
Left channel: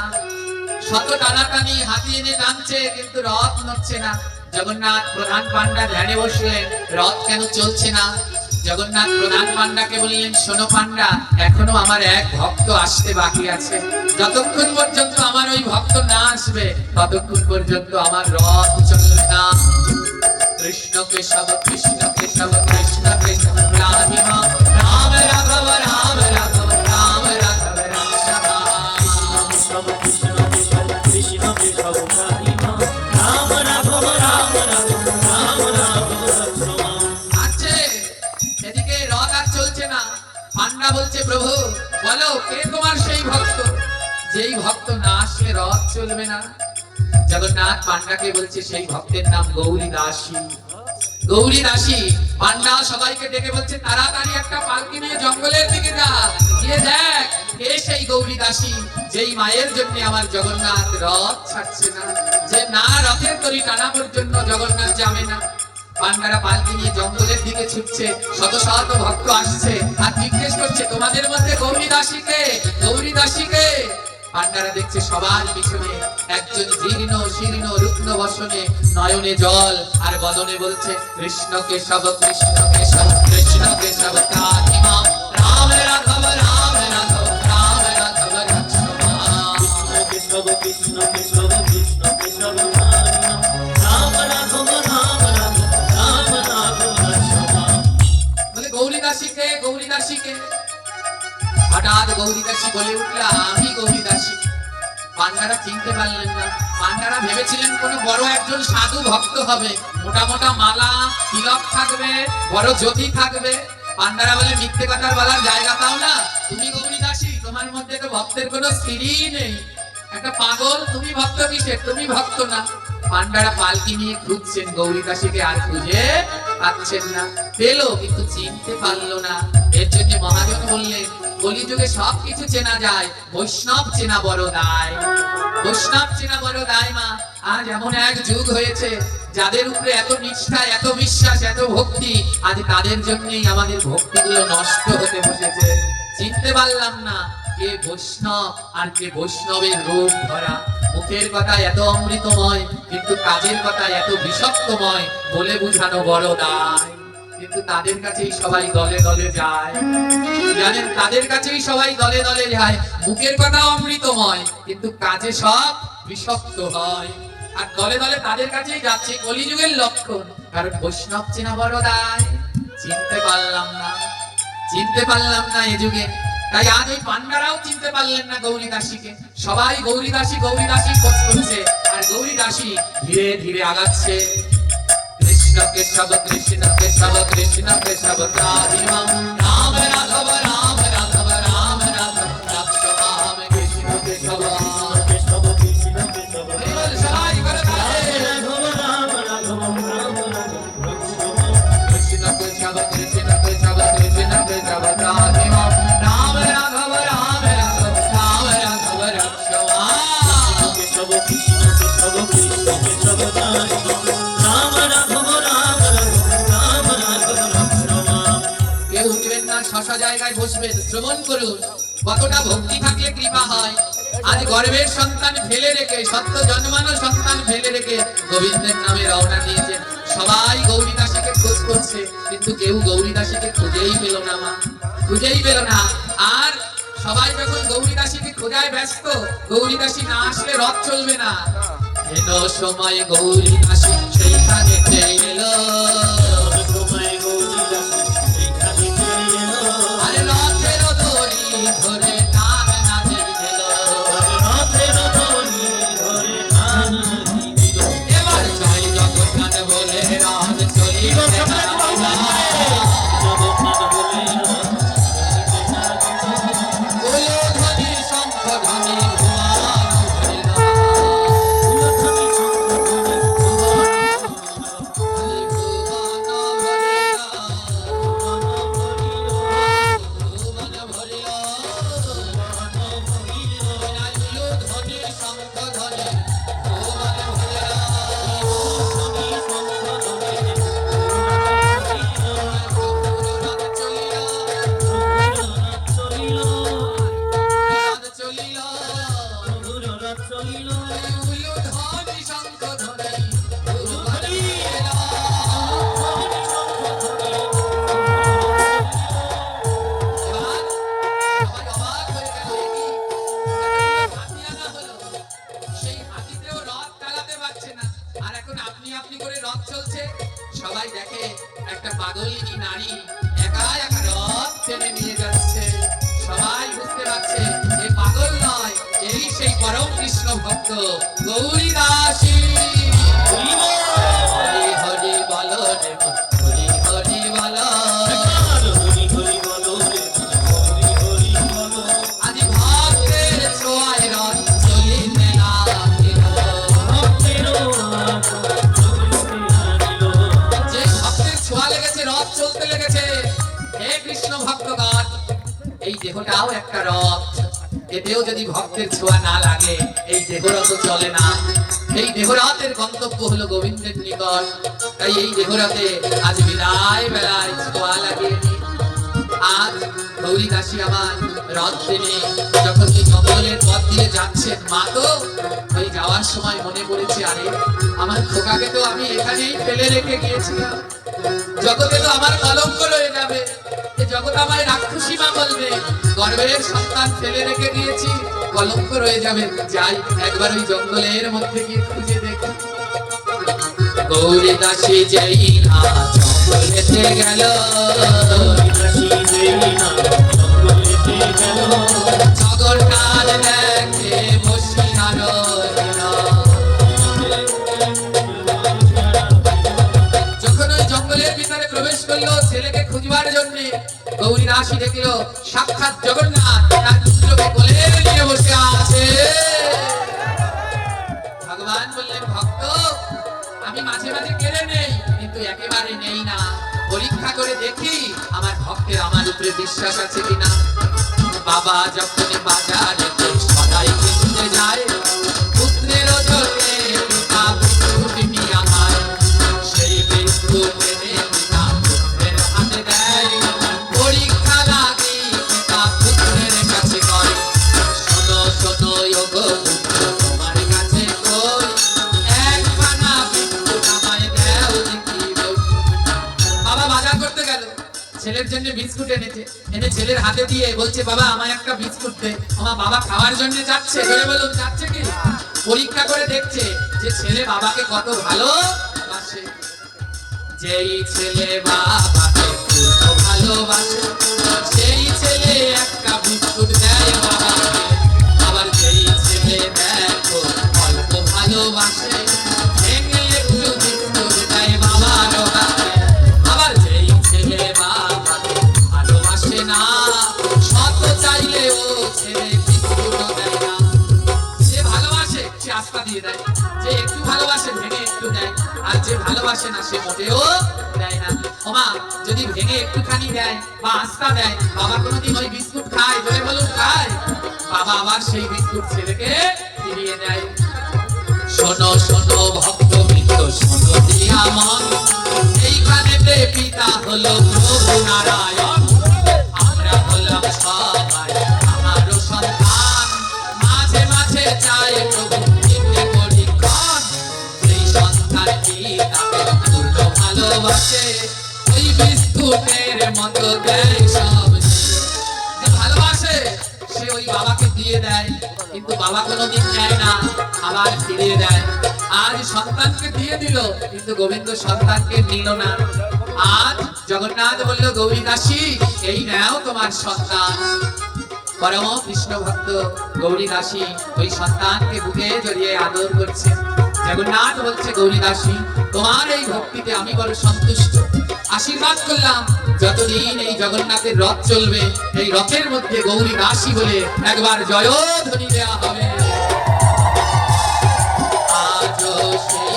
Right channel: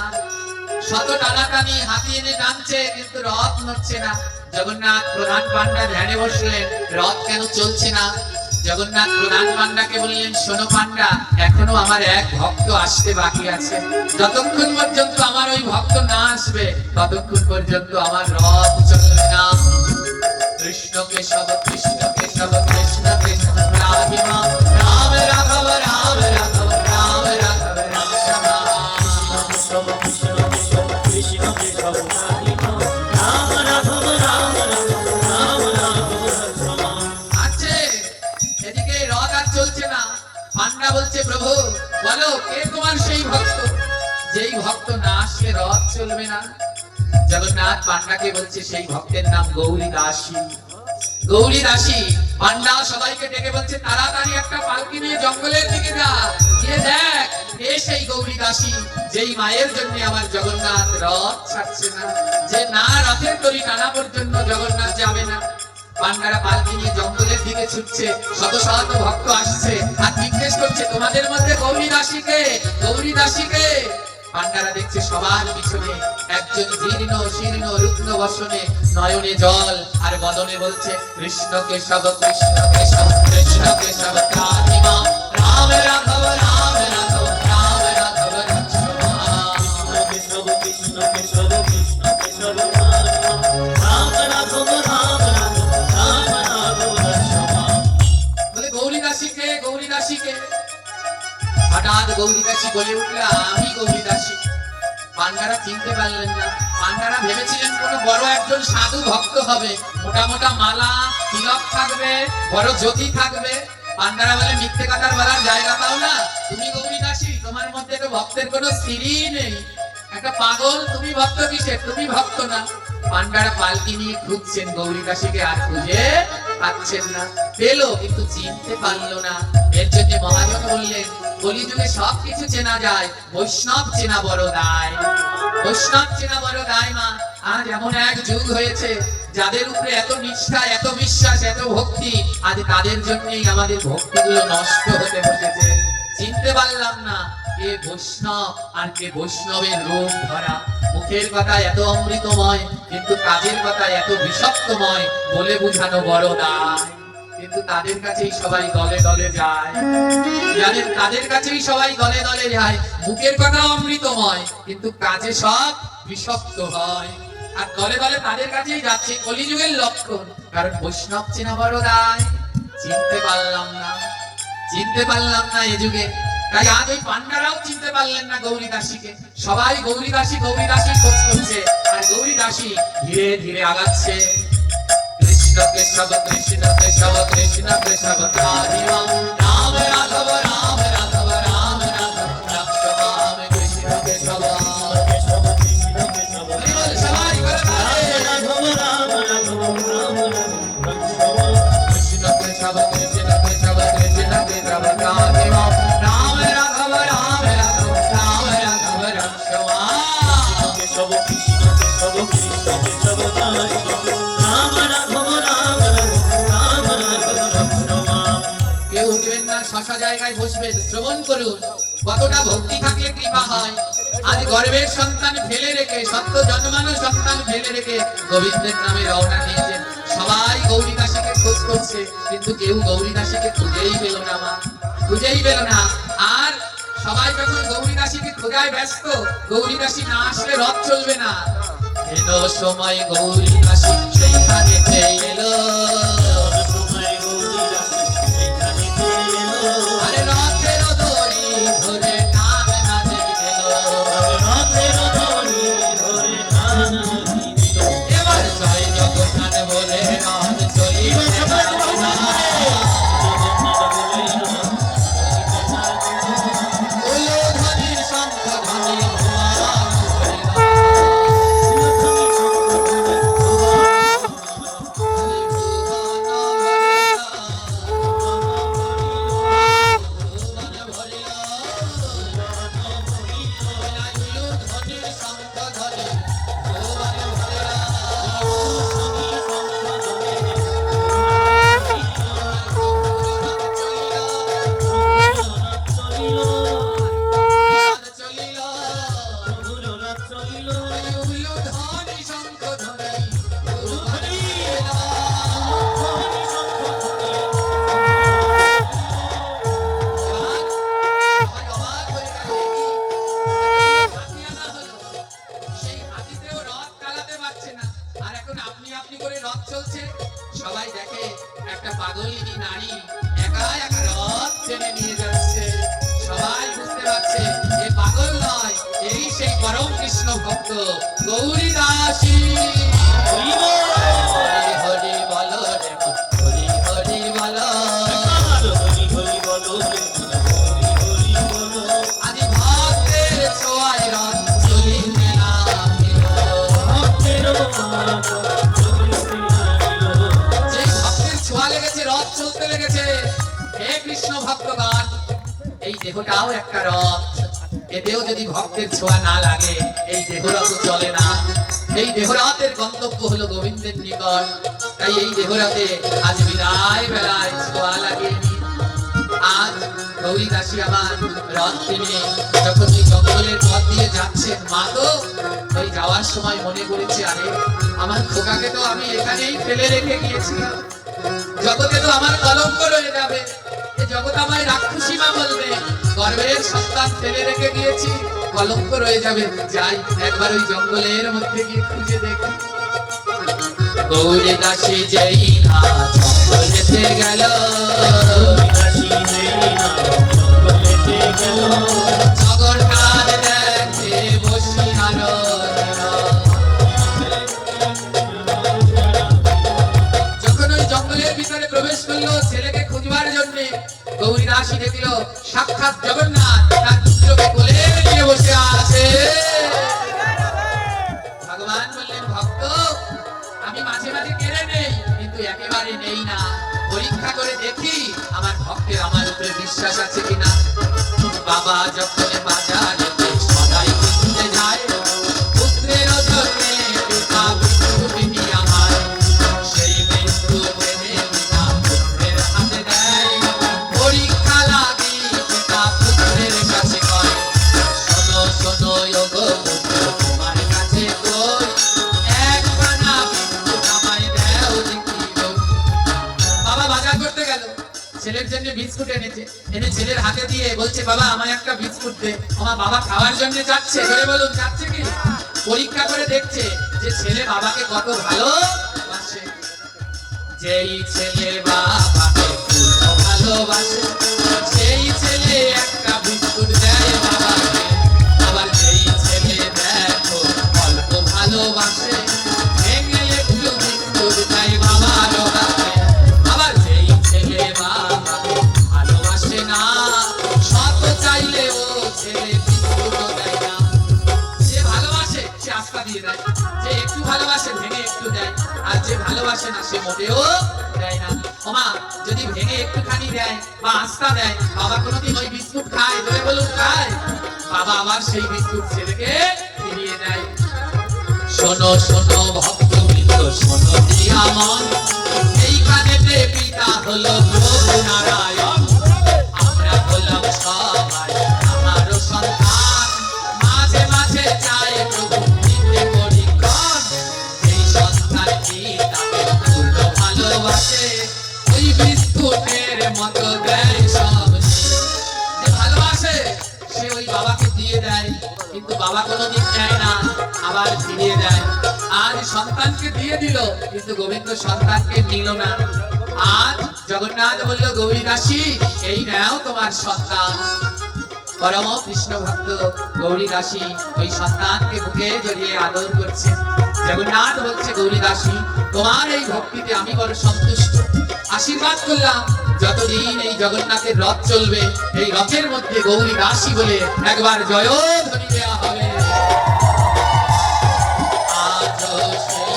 শত টানাটানি হাতি এনে টানছে, কিন্তু রথ নড়ছে না। জগন্নাথ প্রধান পান্ডা ধ্যানে বসলেন, রথ কেন চলছে না? জগন্নাথ প্রধান পান্ডাকে বললেন, শোনো পান্ডা, এখনো আমার এক ভক্ত আসতে বাকি আছে। যতক্ষণ পর্যন্ত আমার ওই ভক্ত না আসবে, ততক্ষণ পর্যন্ত আমার রথ চলবে না। কৃষ্ণকে সব, কৃষ্ণকে সব, কৃষ্ণকে সব, রাধে রাম, রাম রাঘব, রাম রাঘব, রাম রাঘব রসমা। সব, কৃষ্ণকে সব, কৃষ্ণকে সব রাধে রাম, রাম রাঘব, রাম রাঘব, রাম রাঘব রসমা। আছে, এদিকে রথ আর চলছে না। পান্ডা বলছে, প্রভু বলো, কে তোমার সেই ভক্ত, যেই ভক্ত না আসলে রথ চলবে না? জগন্নাথ পান্ডাকে বলছে, সেই ভক্তের নাম গৌরী দাসী। গৌরী দাসী। পান্ডা সবাইকে ডেকে বলছে, তাড়াতাড়ি একটা পালকি নিয়ে জঙ্গলের দিকে যা, গিয়ে দেখ কে সেই গৌরী দাসী, যেই মায়ের জন্য আমার জগন্নাথ রথ ছাড়ছে না, যে না রথের দড়ি টানা পর্যন্ত জগন্নাথ যাবে না। পান্ডারা পালকি নিয়ে জঙ্গলের দিকে ছুটছে, শত শত ভক্ত আসছে আর জিজ্ঞেস করছে, তোমাদের মধ্যে গৌরী দাসীকে, গৌরী দাসীকে? পান্ডারা দেখছে সবার পিছনে একজন জীর্ণ শীর্ণ রুগ্ন বসনে, নয়নে জল আর বদনে বলছে, কৃষ্ণকে সব, কৃষ্ণকে সব, কৃষ্ণকে সব, রাধে রাম, রাম রাঘব, রাম রাঘব, রাম রাঘব রসমা। কৃষ্ণকে সব, কৃষ্ণকে সব, কৃষ্ণকে সব রাধে রাম, রাম রাঘব, রাম রাঘব, রাম রাঘব রসমা। বলে, গৌরী দাসীকে, গৌরী দাসীকে? হঠাৎ গৌরী দাসী বলে উঠল, আমি গৌরী দাসী। পান্ডারা চিনতে পারলেন না। পান্ডারা ভেবেছিলেন কোন বড় একজন সাধু ভক্ত হবে, মোটা মোটা মালা তিলক থাকবে, বড় জ্যোতি থাকবে। পান্ডারা বলে, মিথ্যে কথা বলার জায়গা পাও না, তুমি গৌরী দাসী, তোমার মধ্যে তো ভক্তের কোনো স্ত্রী নেই, একটা পাগল, তুমি ভক্ত কিসের? তুমি ভক্ত না। পান্ডারা পালকি নিয়ে খুঁজছেন গৌরী দাসীকে, আর খুঁজে পাচ্ছেন না, পেলো কিন্তু চিনতে পারলো না। এর জন্য মহাজন বললেন, কলিযুগে সবকিছু চেনা যায়, বৈষ্ণব চেনা বড় দায়। বৈষ্ণব চেনা বড় দায় মা। আজ এমন এক যুগ হয়েছে, যাদের উপরে এত নিষ্ঠা, এত বিশ্বাস, এত ভক্তি, আজ তাদের জন্যই আমাদের ভক্তিগুলো নষ্ট হতে বসেছে। চিনতে পারলাম না কে বৈষ্ণব আর কে বৈষ্ণবের রূপ ধরা। মুখের কথা এত অমৃতময়, কিন্তু কাজের কথা এত বিষাক্তময়, বলে বোঝানো বড় দায়। কিন্তু তাদের কাছেই সবাই দলে দলে যায়, তাদের কাছেই সবাই দলে দলে যায়। মুখের কথা অমৃতময়, কিন্তু কাজে সব বিষাক্ত হয়। আর দলে দলে তাদের কাছেই যাচ্ছে, কলিযুগের লক্ষণ। কারণ বৈষ্ণব চেনা বড় দায়। চিনতে পারলাম না, চিনতে পারলাম না এ যুগে। তাই আজ ওই পান্ডারাও চিনতে পারলেন না গৌরী দাসীকে। সবাই গৌরী দাসী খোঁজ করছে, আর গৌরী দাসী ধীরে ধীরে আগাচ্ছে। কৃষ্ণ কেশব কৃষ্ণ কেশব কৃষ্ণ কেশব রাধিম রাম রাঘব রাম রাঘব রাম রাঘব রাম কৃষ্ণ কেশব। কেশব কৃষ্ণ কেশব সবাই করে বলে, রাঘব রাম রাঘব রাম রাঘব কৃষ্ণ কেশব কৃষ্ণ কেশব কৃষ্ণ কেশব রাধিম রাম রাঘব রাম রাঘব রাম রাঘব রাম কেশব কৃষ্ণ কেশব কৃষ্ণ কেশব রাম রাঘব রাম রাঘব রাম রাঘব। কেউ উঠবেন না, শশা জায়গায় বসবেন, শ্রবণ করুন। কতটা ভক্তি থাকলে কৃপা হয়। আজ গর্ভের সন্তান ফেলে রেখে, সত্য জন্মানো সন্তান ফেলে রেখে গোবিন্দের নামে রওনা দিয়েছেন। সবাই গৌরী দাসীকে খোঁজ করছে, কিন্তু কেউ গৌরী দাসীকে খুঁজেই পেল না মা, খুঁজেই পেল না। আর সবাই যখন গৌরী দাসীকে খোঁজায় ব্যস্ত, গৌরী দাসী না আসলে রথ চলবে না। এলো সময় গৌরী দাসী সেইখানে এলো, সময় গৌরী দাসী এখানে এলো, আরে রথের দড়ি ধরে টান না দিল। রথের দড়ি ধরে টান দিল। এবার জয় জগৎ বলে রথ চলিল না। উলুধ্বনি শঙ্খধ্বনি সবাই দেখে একটা পাগলিনী নারী একা একা রথ টেনে নিয়ে যাচ্ছে। সবাই বুঝতে পারছে এ পাগল নয়, এই সেই পরম কৃষ্ণ ভক্ত গৌরী দাসী। হরি হরি বলো রে মা, হরি হরি বলো। হরি হরি বলো রে হরি হরি বলো। আদি ভক্তের ছোঁয়ায় রথ চলিতে লাগিল। ভক্তেরও আদর চলিতে লাগিল। যে ভক্তের ছোঁয়া লেগেছে, রথ চলতে লেগেছে। হে কৃষ্ণ ভক্তগণ, এই দেহটাও একটা রথ। এতেও যদি ভক্তের ছোঁয়া না লাগে, এই দেহরথ চলে না। এই দেহরথের গন্তব্য হলো গোবিন্দের নিকট। তাই এই দেহরথে আজ বিদায় বেলায় ছোঁয়া লাগে। আজ গৌরী দাসী আমার রথ টেনে যখন এই জঙ্গলের পথ দিয়ে যাচ্ছেন, মা তো এই যাওয়ার সময় মনে করেছে, আরে আমার খোকাকে তো আমি এখানেই ফেলে রেখে গিয়েছিলাম। জগতে তো আমার কলঙ্ক রয়ে যাবে, এ জগৎ আমায় রাক্ষসী মা বলবে। গর্ভের সন্তান ফেলে রেখে গিয়েছি, কলঙ্ক রয়ে যাবে। যাই একবার ওই জঙ্গলের মধ্যে গিয়ে খুঁজে দেখি। গৌরী দাসী যেই না জঙ্গলেতে গেল, গৌরী দাসী যেই না জঙ্গলেতে গেল, জগৎটার দেখে বসিয়া রহিল। যখন ওই জঙ্গলের ভিতরে প্রবেশ করলো ছেলেকে খুঁজবার জন্য, গৌরী দাসী দেখল সাক্ষাৎ জগন্নাথ তার পুত্রকে কোলে নিয়ে বসে আছে। ভগবান বললেন, ভক্ত আমি মাঝে মাঝে কেড়ে নেই, কিন্তু একেবারে নেই না, পরীক্ষা করে দেখি আমার ভক্তের আমার উপরে বিশ্বাস আছে কিনা। বাবা যখন বাজারে সদাই কিনতে যায়, পুত্রের জন্যে পিতা বিস্কুট নিয়ে আয়। সেই বিস্কুট এনে পিতা পুত্রের হাতে দেয়, পরীক্ষা লাগি পিতা পুত্রের কাছে কয়, শোনো শোনো ওগো পুত্র, তোমার কাছে কই, এক পানা বিস্কুট আমায় দাও দেখি বই। বাবা বাজার করতে গেল, ছেলের জন্য বিস্কুট এনেছে, এনে ছেলের হাতে দিয়ে বলছে, বাবা আমায় একটা বিস্কুট দে। আমার বাবা খাওয়ার জন্য যাচ্ছে, ধরে বলুন যাচ্ছে কি, পরীক্ষা করে দেখছে যে ছেলে বাবাকে কত ভালোবাসে। যেই ছেলে বাবাকে খুব ভালোবাসে, সেই ছেলে একটা বিস্কুট দেয় বাবাকে। আবার যেই ছেলে দেখো অল্প ভালোবাসে, ভেঙে একটু বিস্কুট দেয় বাবার হাতে। আবার যেই ছেলে বাবাকে ভালোবাসে না, শত চাইলেও ছেলে বিস্কুট দেয় না। যে ভালোবাসে সে আস্থা দিয়ে দেয়, যে একটু ভালোবাসে ভেঙে একটু দেয়, আর যে ভালোবাসে না সে মোটেও দেয় না। ওমা যদি ভেঙে একটুখানি দেয় বা আস্থা দেয়, বাবা কোনোদিন ওই বিস্কুট খায়? ধরে বলুন খায়? বাবা আবার সেই বিস্কুট ছেলেকে ফিরিয়ে দেয়। শোনো শোনো ভক্ত মিত্র, শোনো দিয়া মন, এইখানেতে পিতা হলো প্রভু নারায়ণ। আমরা হলাম সবাই আমারও সন্তান, মাঝে মাঝে চাই প্রভু দিতে পরীক্ষণ। এই সন্তান পিতাকে পূর্ণ ভালোবাসে, ওই বিস্কুটের মতো দেয় সব। যে ভালোবাসে সে ওই বাবাকে দিয়ে দেয়, কিন্তু বাবা কোনোদিন দেয় না, আবার ফিরিয়ে দেয়। আজ সন্তানকে দিয়ে দিল, কিন্তু গোবিন্দ সন্তানকে নিল না। আজ জগন্নাথ বলল, গৌরী দাসী এই নাও তোমার সন্তান। পরম কৃষ্ণ ভক্ত গৌরী দাসী ওই সন্তানকে বুকে জড়িয়ে আদর করছে। জগন্নাথ বলছে, গৌরী দাসী তোমার এই ভক্তিতে আমি বড় সন্তুষ্ট। আশীর্বাদ করলাম যতদিন এই জগন্নাথের রথ চলবে, এই রথের মধ্যে গৌরী দাসী বলে একবার জয়ধ্বনি দেওয়া হবে। আজও সেই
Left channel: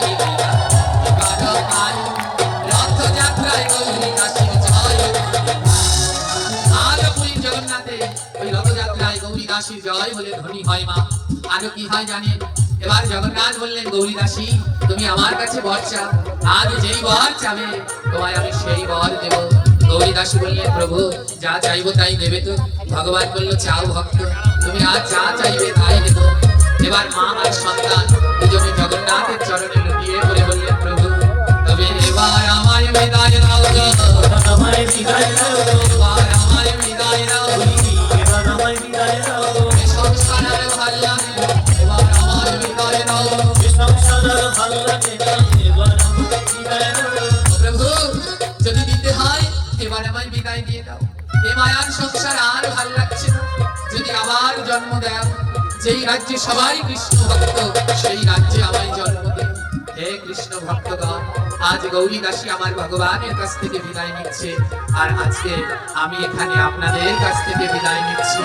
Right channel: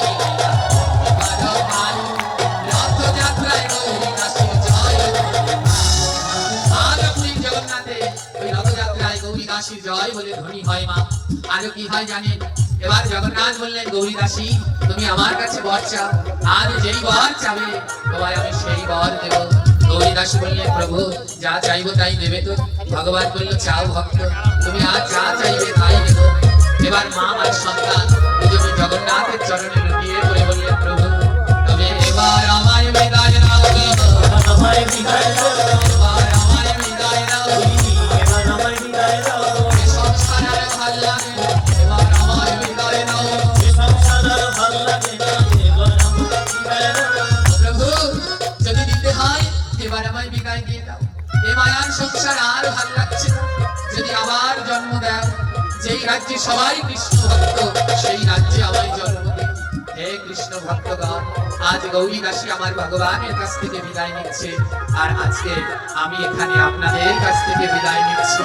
এবারও পাই, রথযাত্রায় গৌরী দাসীর জয়ধ্বনি পাই। আর আপনি জগন্নাথে ওই রথযাত্রায় গৌরী দাসীর জয় বলে ধ্বনি হয় মা। আরো কি হয় জানেন? এবার জগন্নাথ বললেন, গৌরী দাসী তুমি আমার কাছে বর চাও, আর যেই বর চাবে তোমায় আমি সেই বর দেব। গৌরী দাসী বললেন, প্রভু যা চাইবো তাই দেবে তো? ভগবান বললো, চাও ভক্ত, তুমি আজ যা চাইবে তাই দেব। এবার মা আর সন্তান দুজনে জগন্নাথের চরণে লুটিয়ে পড়ে বললেন, প্রভু তবে এবার আমায় বিদায় দাও গো, আমায় বিদায় দাও, এবার আমায় বিদায় দাও। এবার আমায় বিদায় দাও, এ সংসার আর ভাল লাগে না, এবার আমায় বিদায় দাও। এ সংসার আর ভাল লাগে না, এবার আমায় বিদায় দাও। প্রভু যদি দিতে হয় এবার আমায় বিদায় দিয়ে দাও, এ মায়ার সংসার আর ভাল লাগছে না। যদি আবার জন্ম দাও, যেই রাজ্যে সবাই কৃষ্ণ ভক্ত, সেই রাজ্যে আমায় জন্ম দিও। হে কৃষ্ণ ভক্তগণ, আজ গৌরী দাসী আমার ভগবানের কাছ থেকে বিদায় নিচ্ছে, আর আজকে আমি এখানে আপনাদের কাছ থেকে বিদায় নিচ্ছি।